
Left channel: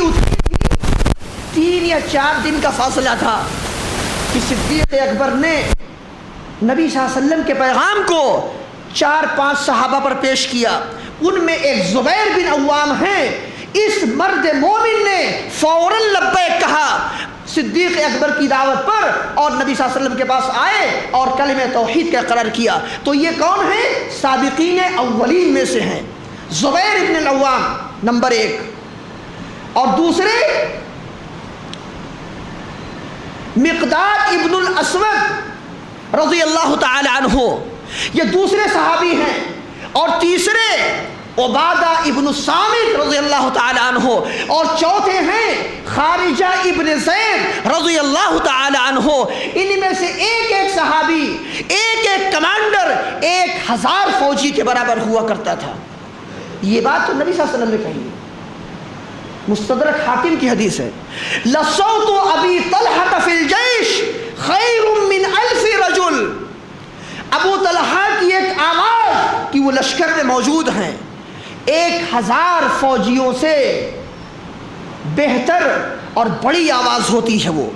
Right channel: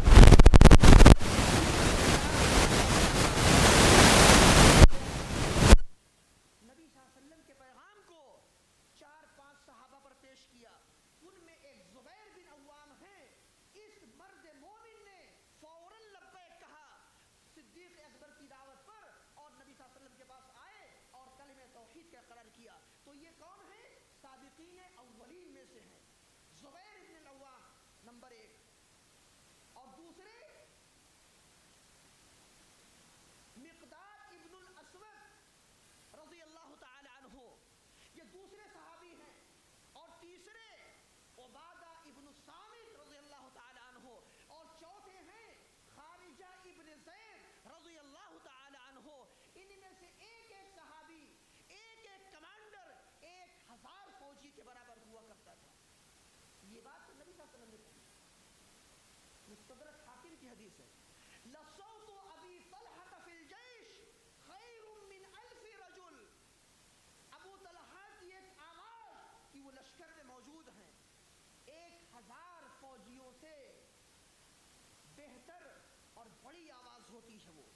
3 یا 4 دن کا فاصلہ تھا، صدیق اکبر نے نبی صلی اللہ علیہ وسلم کے پیغام کو 4-5 صحابہ پر پیش کیا، ان میں ایک زبیر بن عوام ہیں۔ اس مرد مومن نے فوراً لبیک کہا صدیق اکبر کی دعوت پر، اور نبی صلی اللہ علیہ وسلم کے پاس آئے اور کلمہ توحید کا اقرار کیا۔ تو یہ کون ہیں؟ سابقین اولین میں سے ہیں۔ زبیر ابن العوام نمبر 1، اور دوسرے مقداد ابن الاسود رضی اللہ تعالی عنہ، یہ دوسرے صحابی ہیں، اور تیسرے عبادہ ابن الصامت رضی اللہ تعالی عنہ، اور چوتھے ہیں خارجہ ابن زید رضی اللہ تعالی عنہ۔ ان میں سے ایک ایک صحابی، ایک ایک کمانڈر 1000 فوجی کے برابر ہوا کرتا تھا۔ یہ بات تو نبی صلی اللہ علیہ وسلم نے کہی، مستدرک حاکم کی حدیث ہے، لصوت ابی طلحہ فی الجیش خیر من 1000 رجل، ابو طلحہ کی ایک آواز کہ وہ لشکر میں موجود ہیں 1000 فوجیوں سے بہتر اور بڑی آواز ہوتی ہے۔ وہ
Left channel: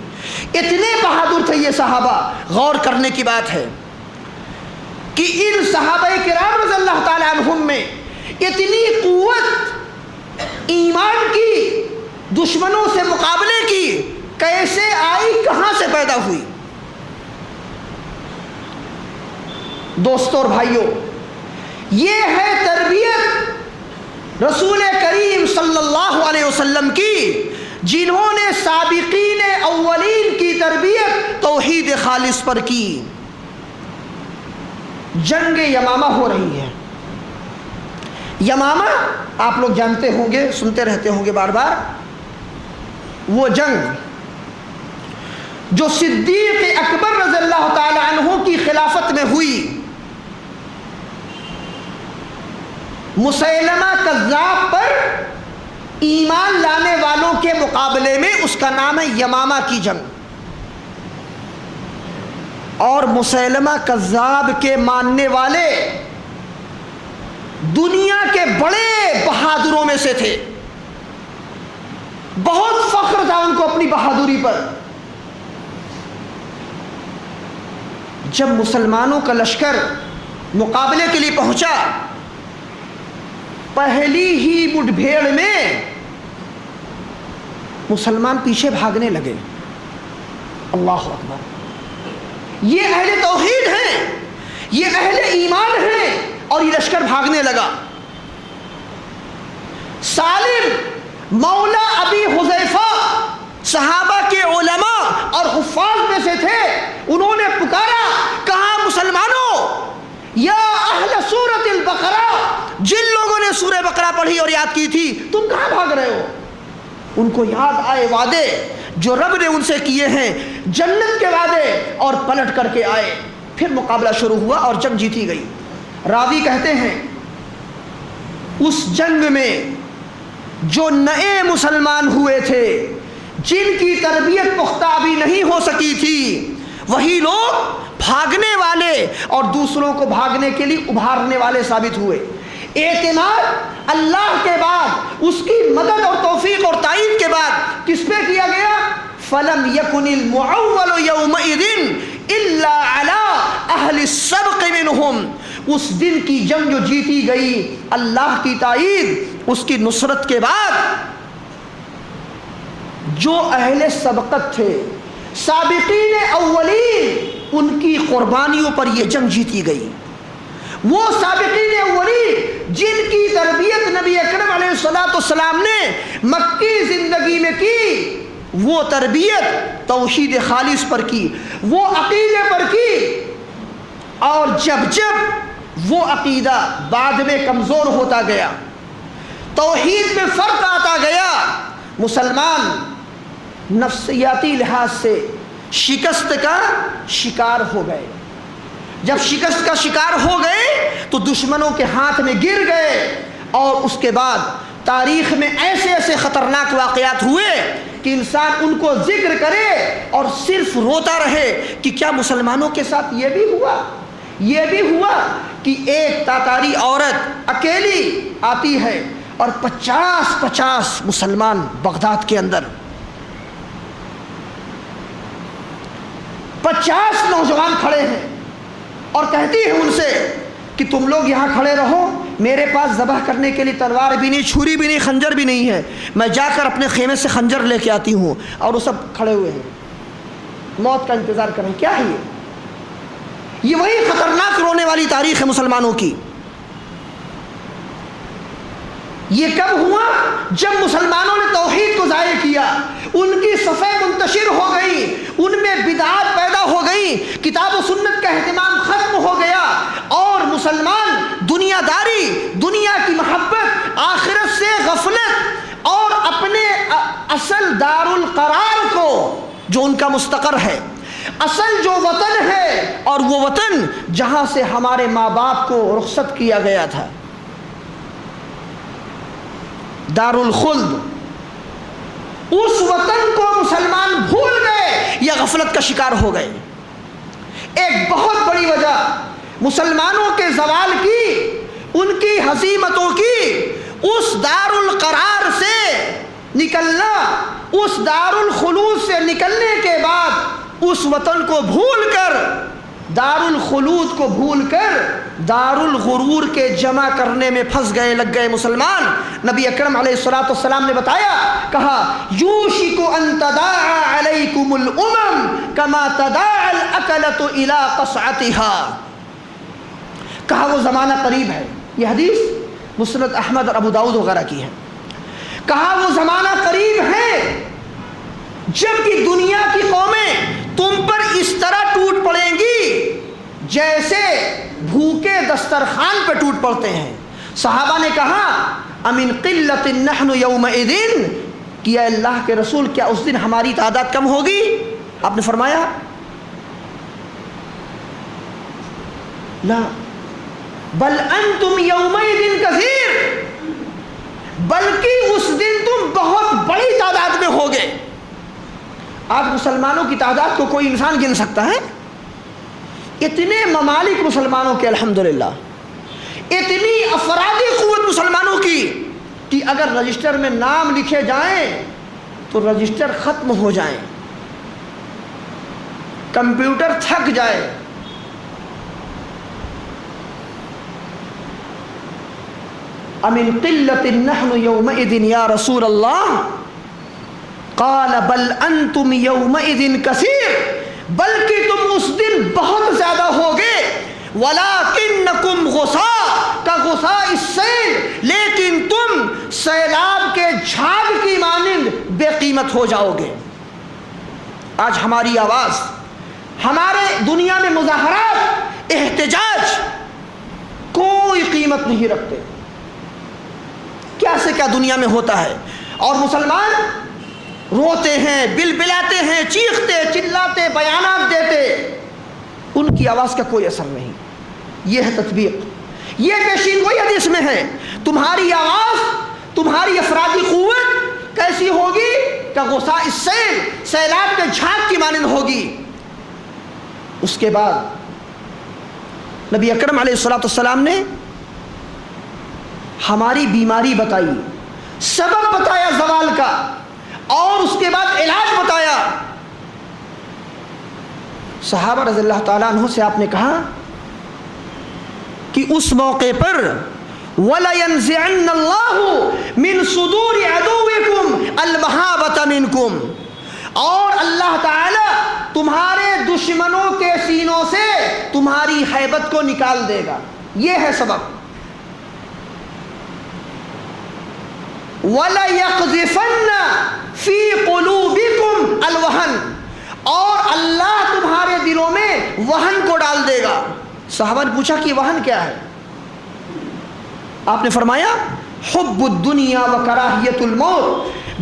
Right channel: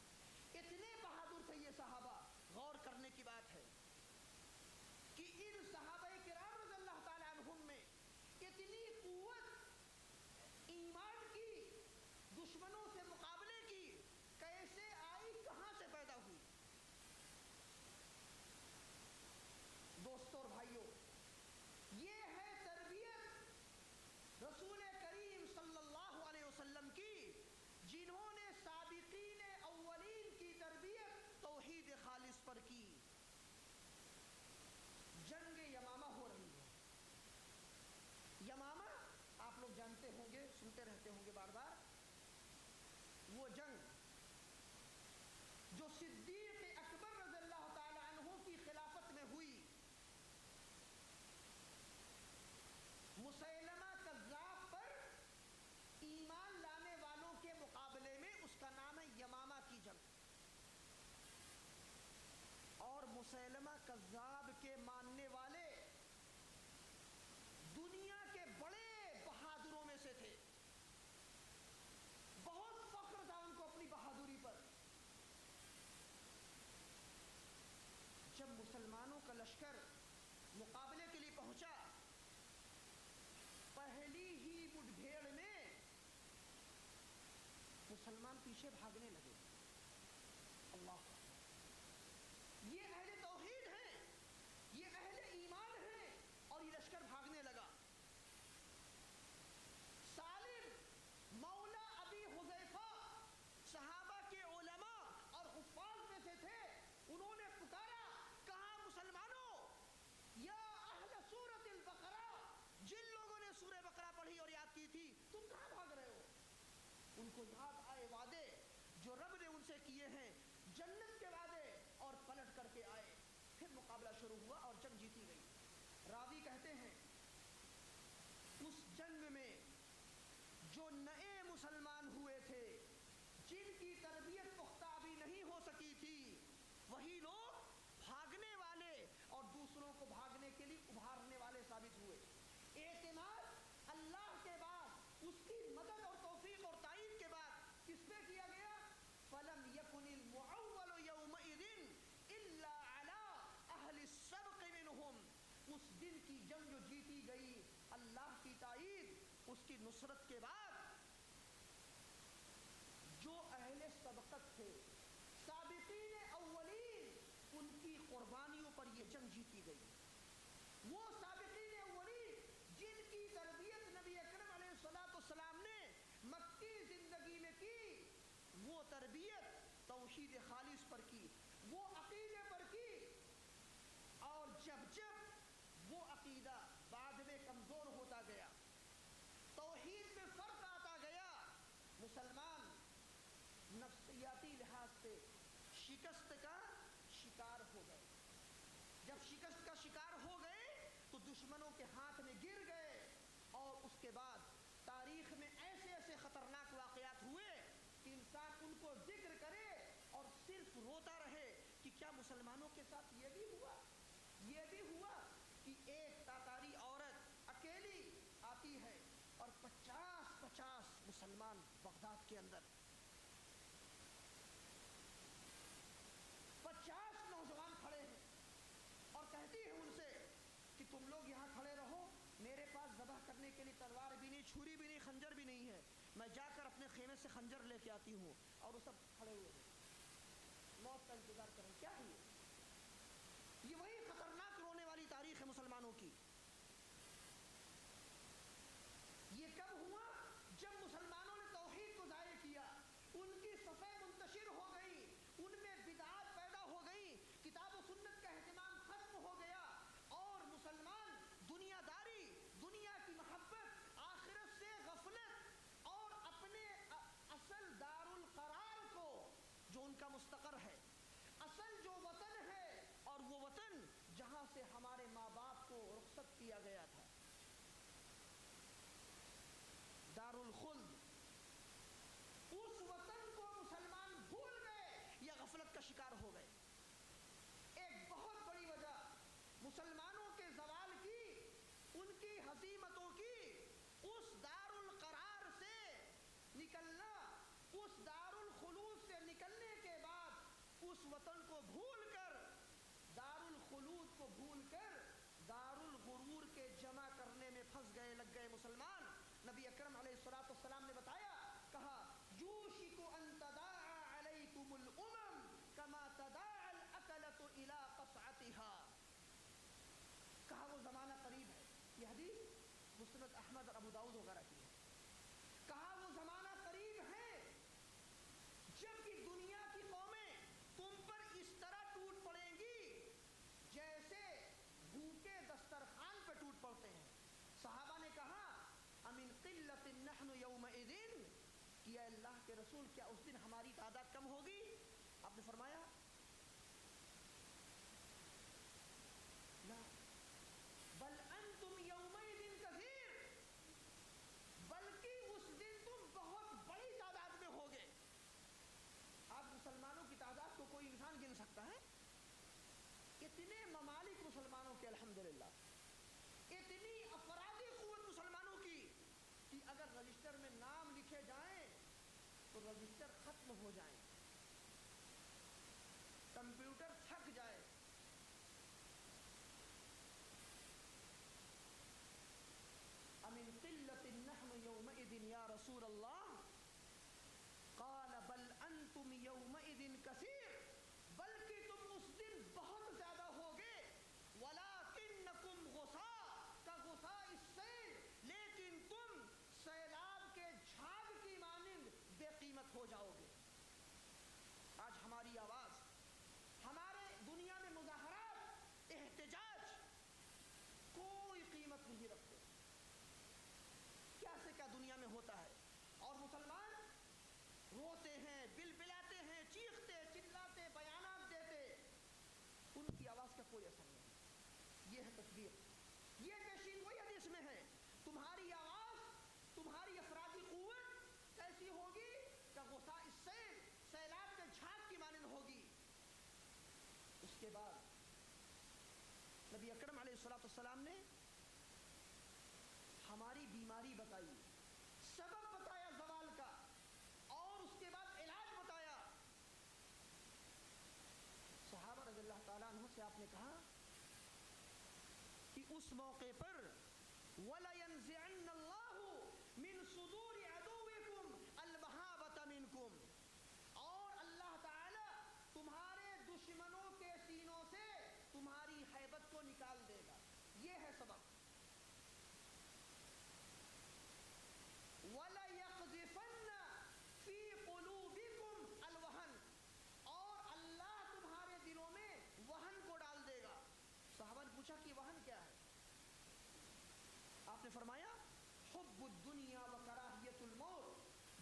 اتنے بہادر تھے یہ صحابہ۔ غور کرنے کی بات ہے کہ ان صحابہ کرام رضی اللہ تعالی عنہم میں اتنی قوت ایمان کی، دشمنوں سے مقابلے کی کیسے آئی، کہاں سے پیدا ہوئی؟ دوستوں اور بھائیوں، یہ ہے تربیت رسول کریم صلی اللہ علیہ وسلم کی، جنہوں نے سابقین اولین کی تربیت توحید خالص پر کی۔ جنگ یمامہ ہو رہی ہے۔ یمامہ آپ لوگ جانتے ہوں گے، سنتے رہتے ہوں گے بار بار، وہ جنگ جو صدیق اکبر رضی اللہ تعالی عنہ کی خلافت میں ہوئی۔ مسیلمہ کذاب پر ایمان لانے والوں کے مقابلے میں اس کا نام ہے یمامہ کی جنگ، اور مسیلمہ کذاب کے ماننے والے دنیا کے بڑے بہادروں میں سے تھے، بہت فخر تھا ان کو اپنی بہادری پر۔ جب مسلمانوں کا لشکر مقابلے کے لیے پہنچا، پہلی ہی مٹ بھیڑ میں مسلمان پیچھے بھاگنے لگے۔ اللہ اکبر! یہ اہل توحید ہیں، یہ اہل ایمان ہیں، اور یہ لشکر بھاگنے لگا۔ سالم مولا ابی حذیفہ صحابہ کے علماء اور حفاظ میں سے تھے، انہوں نے پکارا، کہا مسلمانوں، یا اہل سورۃ البقرہ، جن لوگوں نے سورہ بقرہ پڑھی اور یاد کی تھی، تم کہاں بھاگ رہے ہو؟ ان کو یاد آئے وعدے جو رب نے ان سے کیے ہیں، جنت کے وعدے، اور پلٹ کر کے آئے۔ پھر مقابلہ شروع ہوا اور جنگ جیتی گئی۔ راوی کہتے ہیں اس جنگ میں جو نئے مسلمان ہوئے تھے، جن کی تربیت پختہ ابھی نہیں ہو سکی تھی، وہی لوگ بھاگنے والے اور دوسروں کو بھاگنے کے لیے ابھارنے والے ثابت ہوئے۔ اعتماد اللہ کے بعد، اس کی مدد اور توفیق اور تائید کے بعد کس پہ کیا گیا؟ فَلَمْ يَكُنِ الْمُعَوَّلُ يَوْمَئِذٍ إِلَّا عَلَىٰ أَهْلِ السَّبْقِ مِنْهُمْ۔ اس دن کی جنگ جو جیتی گئی، اللہ کی تائید، اس کی نصرت کے بعد جو اہل سبقت تھے، سابقین اولین، ان کی قربانیوں پر یہ جنگ جیتی گئی۔ وہ سابقین اولین جن کی تربیت نبی اکرم علیہ الصلوۃ والسلام نے مکی زندگی میں کی، وہ تربیت توحید خالص پر کی، وہ عقیدے پر کی، اور جب جب وہ عقیدہ بعد میں کمزور ہوتا گیا، توحید میں فرق آتا گیا، مسلمان نفسیاتی لحاظ سے شکست کا شکار ہو گئے۔ جب شکست کا شکار ہو گئے تو دشمنوں کے ہاتھ میں گر گئے، اور اس کے بعد تاریخ میں ایسے ایسے خطرناک واقعات ہوئے کہ انسان ان کو ذکر کرے اور صرف روتا رہے کہ کیا مسلمانوں کے ساتھ یہ بھی ہوا؟ یہ بھی ہوا کہ ایک تاتاری عورت اکیلی آتی ہے اور 50 مسلمان بغداد کے اندر، 50 نوجوان کھڑے ہیں، اور کہتی ہے ان سے کہ تم لوگ یہاں کھڑے رہو، میرے پاس ذبح کرنے کے لیے تلوار بھی نہیں، چھری بھی نہیں، خنجر بھی نہیں ہے، میں جا کر اپنے خیمے سے خنجر لے کے آتی ہوں۔ اور وہ سب کھڑے ہوئے ہیں، موت کا انتظار کریں۔ کیا ہے یہ وہی خطرناک رونے والی تاریخ ہے مسلمانوں کی۔ یہ کب ہوا؟ جب مسلمانوں نے توحید کو ضائع کیا، ان کی صفیں منتشر ہو گئی، ان میں بدعات پیدا ہو گئی، کتاب و سنت کا اہتمام ختم ہو گیا، اور مسلمان دنیا داری، دنیا کی محبت، آخرت سے غفلت، اور اپنے اصل دار القرار کو، جو ان کا مستقر ہے، اصل جو وطن ہے، اور وہ وطن جہاں سے ہمارے ماں باپ کو رخصت کیا گیا تھا، دار الخلد، اس وطن کو مسلمان بھول گئے یا غفلت کا شکار ہو گئے۔ ایک بہت بڑی وجہ مسلمانوں کے زوال کی، ان کی ہزیمتوں کی، اس دار القرار سے نکلنا، اس دار الخلود سے نکلنے کے بعد اس وطن کو بھول کر، دار الخلود کو بھول کر دار الغرور کے جمع کرنے میں پھنس گئے، لگ گئے مسلمان۔ نبی اکرم علیہ الصلوۃ والسلام نے بتایا، کہا یوشک ان تداعى علیکم الامم کما تداعى الاکلۃ الی قصعتها، کہا وہ زمانہ قریب ہے۔ یہ حدیث مسند احمد اور ابو داؤد وغیرہ کی ہے۔ کہا وہ زمانہ قریب ہے جب کہ دنیا کی قومیں تم پر اس طرح ٹوٹ پڑیں گی جیسے بھوکے دسترخوان پہ ٹوٹ پڑتے ہیں۔ صحابہ نے کہا امن قلت نحن یومئذ، کہ اے اللہ کے رسول کیا اس دن ہماری تعداد کم ہوگی؟ آپ نے فرمایا لا بل انتم یومئذ کثیر، بلکہ اس دن تم بہت بڑی تعداد میں ہوگے۔ آج مسلمانوں کی تعداد کو کوئی انسان گن سکتا ہے؟ اتنے ممالک مسلمانوں کے الحمدللہ، اتنی افرادی قوت مسلمانوں کی کہ اگر رجسٹر میں نام لکھے جائیں تو رجسٹر ختم ہو جائیں، کمپیوٹر تھک جائے۔ امن قلت نحن یومئذ یا رسول اللہ، قال بل انتم یومئذ کثیر، بلکہ تم اس دن بہت زیادہ ہوگے، وَلَكِنَّكُمْ غُثَاء كَغُثَاءِ السَّيْلِ، لیکن تم سیلاب کے جھاگ کی مانند بے قیمت ہو جاؤ گے۔ آج ہماری آواز، ہمارے دنیا میں مظاہرات، احتجاج کوئی قیمت نہیں رکھتے۔ کیا سے کیا دنیا میں ہوتا ہے، اور مسلمان روتے ہیں، بلبلاتے ہیں، چیختے چلاتے، بیانات دیتے، ان کی آواز کا کوئی اثر نہیں۔ یہ ہے تطبیق، یہ پیشین گوئی حدیث میں ہے۔ تمہاری آواز، تمہاری افرادی قوت کیسی ہوگی؟ کہ غصہ السیل، سیلاب کے جھاگ کی مانند ہوگی۔ اس کے بعد نبی اکرم علیہ السلام نے ہماری بیماری بتائی، سبب بتایا زوال کا، اور اس کے بعد علاج بتایا۔ صحابہ رضی اللہ تعالیٰ عنہ سے آپ نے کہا کہ اس موقع پر وَلَيَنزِعَنَّ اللَّهُ مِن صُدُورِ عَدُوِّكُمْ الْمَهَابَةَ مِنْكُمْ، اور اللہ تعالی تمہارے دشمنوں کے سینوں سے تمہاری ہیبت کو نکال دے گا۔ یہ ہے سبب۔ وَلَيَقْذِفَنَّ فِي قُلُوبِكُمْ الْوَهْنَ، اور اللہ تمہارے دلوں میں وہن کو ڈال دے گا۔ صحابہ نے پوچھا کہ وہن کیا ہے؟ آپ نے فرمایا حب الدنیا و کراہیت الموت،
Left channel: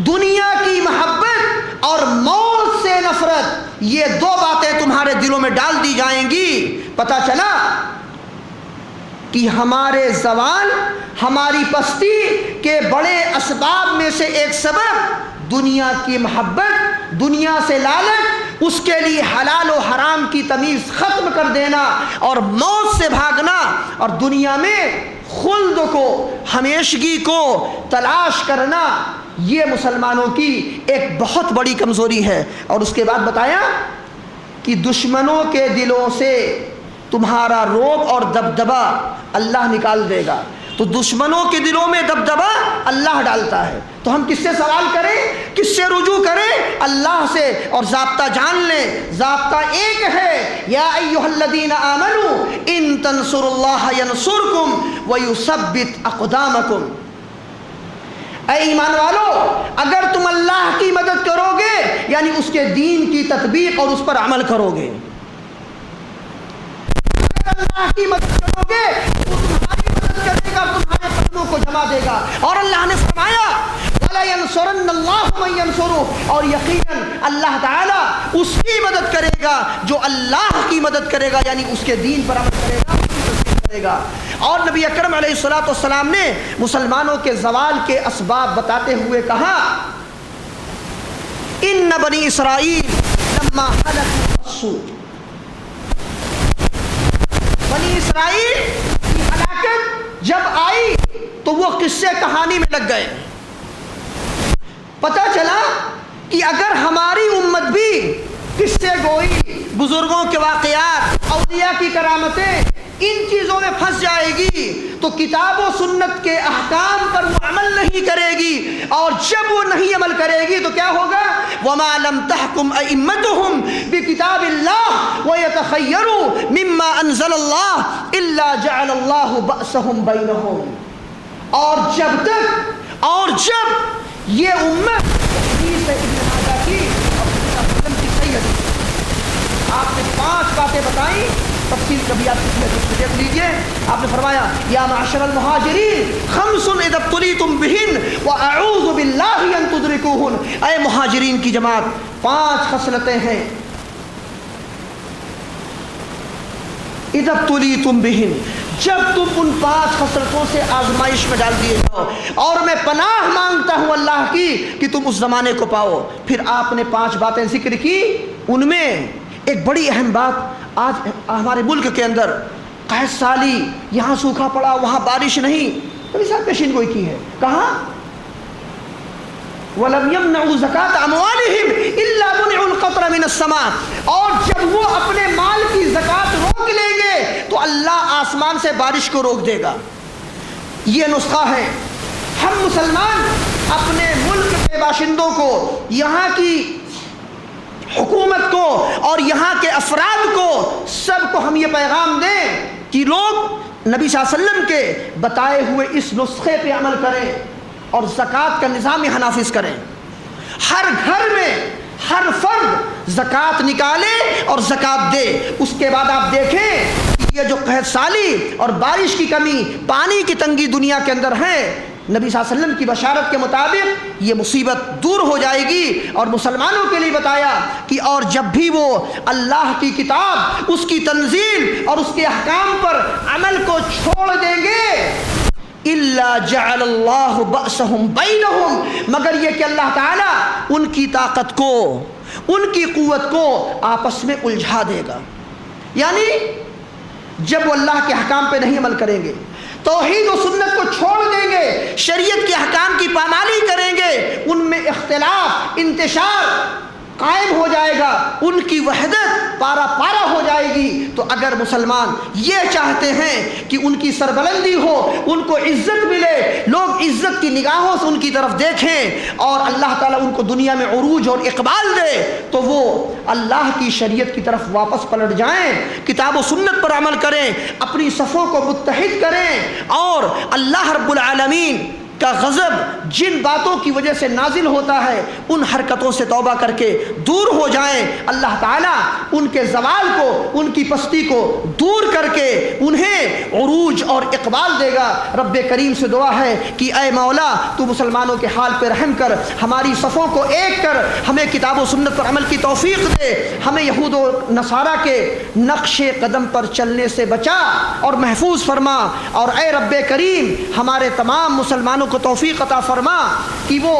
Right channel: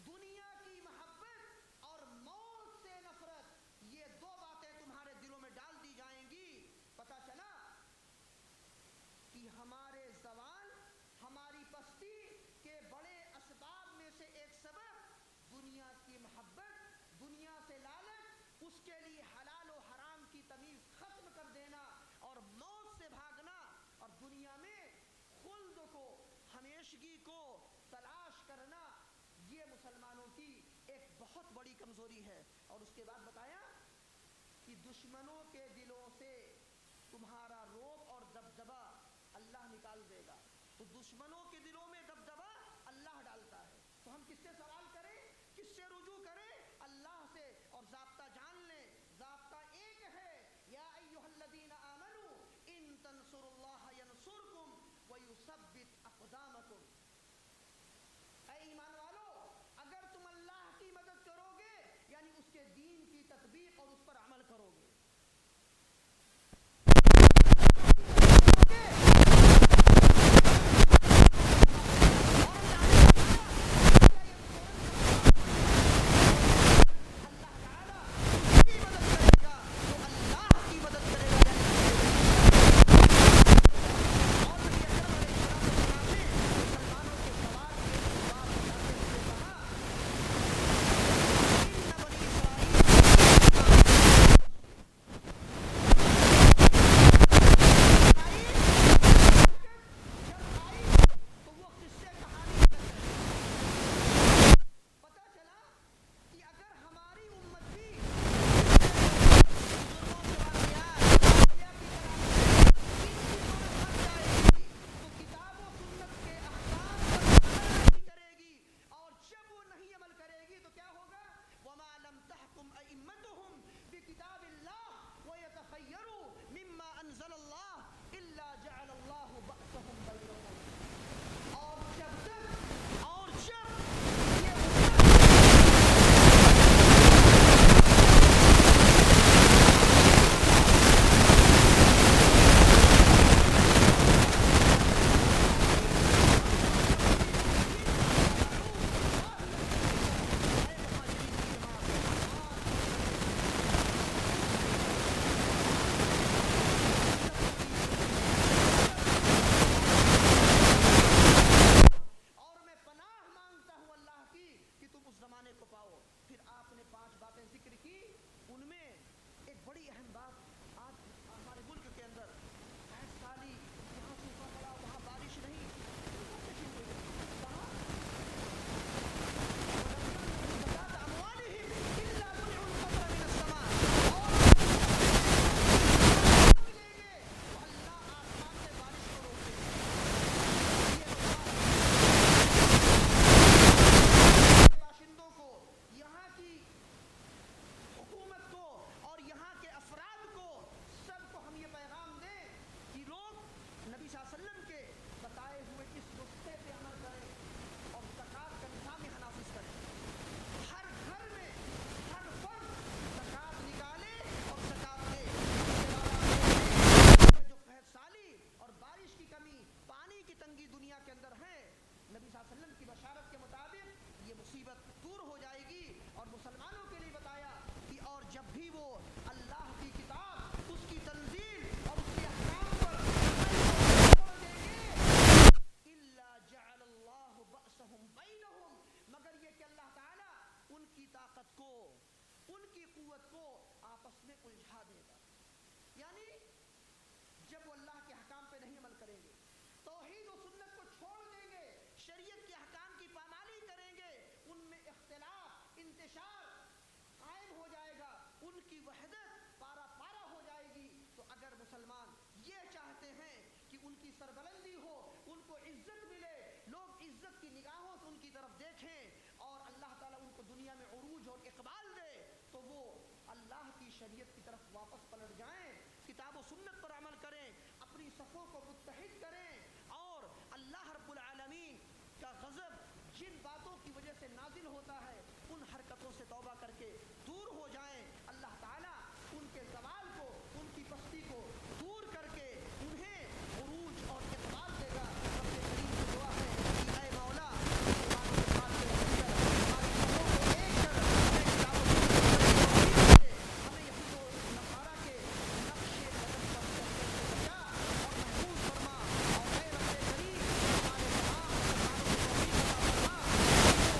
دنیا کی محبت اور موت سے نفرت، یہ دو باتیں تمہارے دلوں میں ڈال دی جائیں گی۔ پتہ چلا کہ ہمارے زوال، ہماری پستی کے بڑے اسباب میں سے ایک سبب دنیا کی محبت، دنیا سے لالچ، اس کے لیے حلال و حرام کی تمیز ختم کر دینا اور موت سے بھاگنا، اور دنیا میں خلد کو، ہمیشگی کو تلاش کرنا، یہ مسلمانوں کی ایک بہت بڑی کمزوری ہے۔ اور اس کے بعد بتایا کہ دشمنوں کے دلوں سے تمہارا رعب اور دبدبہ اللہ نکال دے گا۔ تو دشمنوں کے دلوں میں دبدبہ اللہ ڈالتا ہے، تو ہم کس سے سوال کریں، کس سے رجوع کریں؟ اللہ سے۔ اور ضابطہ جان لیں، ضابطہ ایک ہے، یا ایھا الذین آمنوا ان تنصروا اللہ ینصرکم ویثبت اقدامکم۔ اے ایمان والو، اگر تم اللہ کی مدد کرو گے، یعنی اس کے دین کی تطبیق اور اس پر عمل کرو گے، اللہ کی مدد کرو گے، تمہارے قدموں کو جما دے گا۔ اور اللہ نے فرمایا وَلَيَنْصُرَنَّ اللَّهُ مَن يَنْصُرُهُ، اور یقیناً اللہ تعالیٰ اس کی مدد کرے گا جو اللہ کی مدد کرے گا، یعنی اس کے دین پر عمل کرے گا۔ اور نبی اکرم علیہ السلام نے مسلمانوں کے زوال کے اسباب بتاتے ہوئے کہا ان بنی اسرائیل لما حلت السوء، بنی اسرائیل ہلاکت جب آئی تو وہ قصے کہانی میں لگ گئے۔ پتہ چلا کہ اگر ہماری امت بھی قصے گوئی، بزرگوں کے واقعات، اولیاء کی کرامتیں، ان چیزوں میں پھنس جائے گی تو کتاب و سنت کے احکام پر عمل نہیں کرے گی، اور جب وہ نہیں عمل کرے گی تو کیا ہوگا؟ وَمَا لَمْ تَحْكُمْ أَئِمَّتُهُمْ بِكِتَابِ اللَّهِ وَيَتَخَيَّرُوا مِمَّا أَنزَلَ اللَّهُ إِلَّا جَعَلَ اللَّهُ بَأْسَهُمْ بَيْنَهُمْ، اور جب یہ امت یا معشر المہاجرین خمس اذا ابتلیتم بہن واعوذ باللہ ان تدرکوہن، اے مہاجرین کی جماعت، 5 خصلتیں ہیں اذا ابتلیتم بہن، جب تم ان 5 خصلتوں سے آزمائش میں ڈال دیے جاؤ، اور میں پناہ مانگتا ہوں اللہ کی کہ تم اس زمانے کو پاؤ۔ پھر آپ نے 5 باتیں ذکر کی، ان میں ایک بڑی اہم بات، آج ہمارے ملک کے اندر قحط سالی، یہاں سوکھا پڑا، وہاں بارش نہیں، کبھی صاحب پیشین گوئی کی ہے، کہاں وَلَمْ يَمْنَعُوا زَكَاةَ أَمْوَالِهِمْ إِلَّا مُنِعُوا الْقَطْرَ مِنَ السَّمَاءِ، اور جب وہ اپنے مال کی زکوٰۃ روک لیں گے تو اللہ آسمان سے بارش کو روک دے گا۔ یہ نسخہ ہے۔ ہم مسلمان اپنے ملک کے باشندوں کو، یہاں کی حکومت کو اور یہاں کے افراد کو، سب کو ہم یہ پیغام دیں کہ لوگ نبی صلی اللہ علیہ وسلم کے بتائے ہوئے اس نسخے پہ عمل کریں اور زکوٰۃ کا نظام یہاں نافذ کریں۔ ہر گھر میں ہر فرد زکوٰۃ نکالے اور زکوٰۃ دے۔ اس کے بعد آپ دیکھیں یہ جو قحط سالی اور بارش کی کمی، پانی کی تنگی دنیا کے اندر ہے، نبی صلی اللہ علیہ وسلم کی بشارت کے مطابق یہ مصیبت دور ہو جائے گی۔ اور مسلمانوں کے لیے بتایا کہ اور جب بھی وہ اللہ کی کتاب، اس کی تنزیل اور اس کے احکام پر عمل کو چھوڑ دیں گے، اِلَّا جَعَلَ اللَّهُ بَأْسَهُمْ بَيْنَهُمْ، مگر یہ کہ اللہ تعالیٰ ان کی طاقت کو، ان کی قوت کو آپس میں الجھا دے گا۔ یعنی جب وہ اللہ کے احکام پہ نہیں عمل کریں گے، توحید و سنت کو چھوڑ دیں گے، شریعت کے احکام کی پامالی کریں گے، ان میں اختلاف، انتشار قائم ہو جائے گا، ان کی وحدت پارا پارا ہو جائے گی۔ تو اگر مسلمان یہ چاہتے ہیں کہ ان کی سربلندی ہو، ان کو عزت ملے، لوگ عزت کی نگاہوں سے ان کی طرف دیکھیں اور اللہ تعالیٰ ان کو دنیا میں عروج اور اقبال دے، تو وہ اللہ کی شریعت کی طرف واپس پلٹ جائیں، کتاب و سنت پر عمل کریں، اپنی صفوں کو متحد کریں، اور اللہ رب العالمین کا غضب جن باتوں کی وجہ سے نازل ہوتا ہے ان حرکتوں سے توبہ کر کے دور ہو جائیں۔ اللہ تعالیٰ ان کے زوال کو، ان کی پستی کو دور کر کے انہیں عروج اور اقبال دے گا۔ رب کریم سے دعا ہے کہ اے مولا تو مسلمانوں کے حال پہ رحم کر، ہماری صفوں کو ایک کر، ہمیں کتاب و سنت پر عمل کی توفیق دے، ہمیں یہود و نصارہ کے نقش قدم پر چلنے سے بچا اور محفوظ فرما، اور اے رب کریم ہمارے تمام مسلمانوں کو توفیق عطا فرما کہ وہ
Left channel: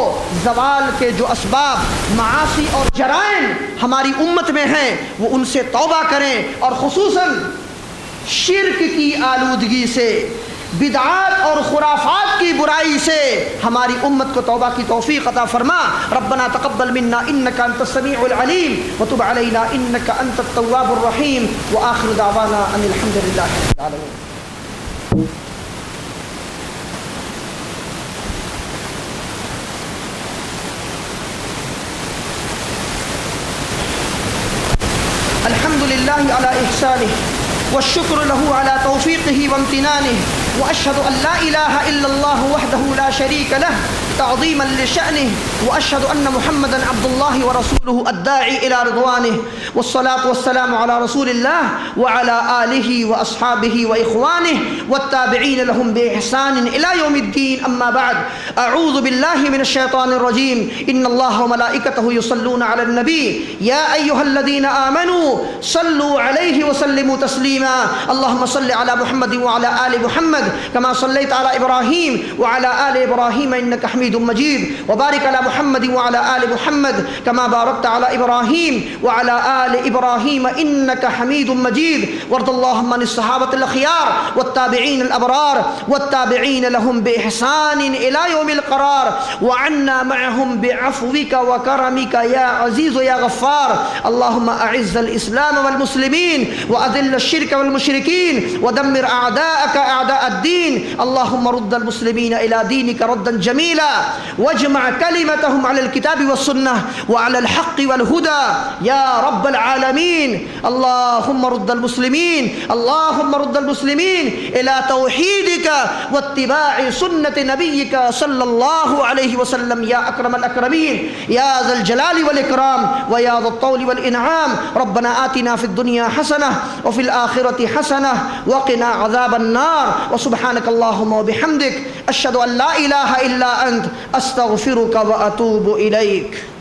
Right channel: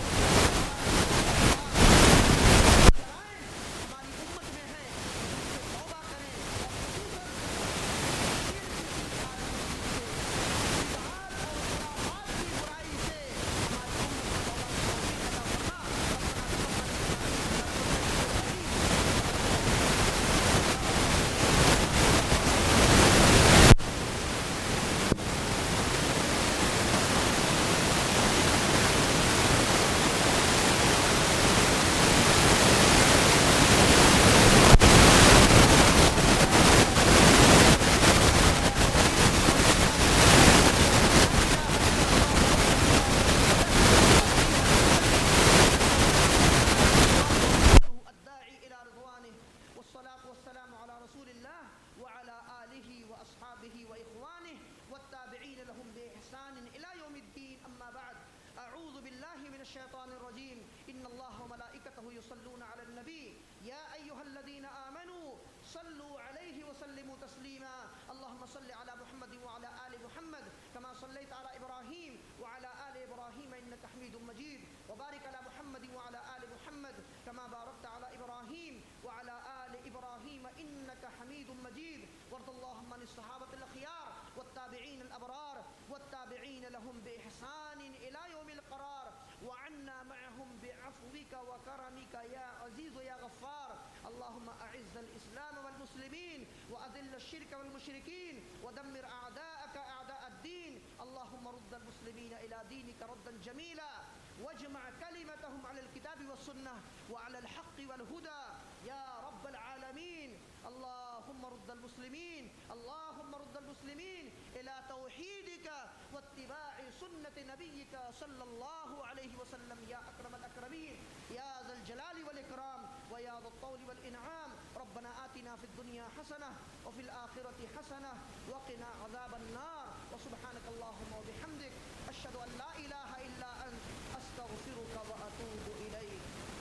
زوال کے جو اسباب، معاصی اور جرائم ہماری امت میں ہیں وہ ان سے توبہ کریں، اور خصوصاً شرک کی آلودگی سے، بدعات اور خرافات کی برائی سے ہماری امت کو توبہ کی توفیق عطا فرما۔ ربنا تقبل منا انك انت السميع العليم وتب علينا انك انت التواب الرحيم واخر دعوانا ان الحمد لله رب العالمين۔ والشكر له على توفيقه وامتنانه، وأشهد أن لا إله إلا الله وحده لا شريك له تعظيما لشأنه، وأشهد أن محمدا عبد الله ورسوله الداعي إلى رضوانه، والصلاة والسلام على رسول الله وعلى آله وأصحابه وإخوانه والتابعين لهم بإحسان إلى يوم الدين، أما بعد، أعوذ بالله من الشيطان الرجيم، إن الله وملائكته يصلون على النبي يا أيها الذين آمنوا صلوا عليه وسلموا تسليما، اللهم صل على محمد وعلى آل محمد كما صليت على إبراهيم وعلى آل إبراهيم إنك حميد مجيد، وبارك على محمد وعلى آل محمد كما باركت على إبراهيم وعلى آل إبراهيم إنك حميد مجيد، وارض اللهم عن الصحابة الأخيار والتابعين الأبرار والتابعين لهم بإحسان إلى يوم القرار، وعنا معهم بعفوك وكرمك يا عزيز يا غفار، اللهم أعز الإسلام والمسلمين وأذل الشرك والمشركين ودمر أعداءك أعداء الدين، اللهم رد المسلمين إلى دينك ردا جميلا، واجمع كلمتهم على الكتاب والسنة وعلى الحق والهدى يا رب العالمين، اللهم رد المسلمين، اللهم رد المسلمين إلى توحيدك واتباع سنة نبيك صلى الله عليه وسلم يا أكرم الأكرمين يا ذا الجلال والإكرام ويا ذا الطول والإنعام، ربنا آتنا في الدنيا حسنة وفي الآخرة حسنة وقنا عذاب النار، وسبحانك اللهم وبحمدك أشهد أن لا إله إلا أنت أستغفرك وأتوب إليك۔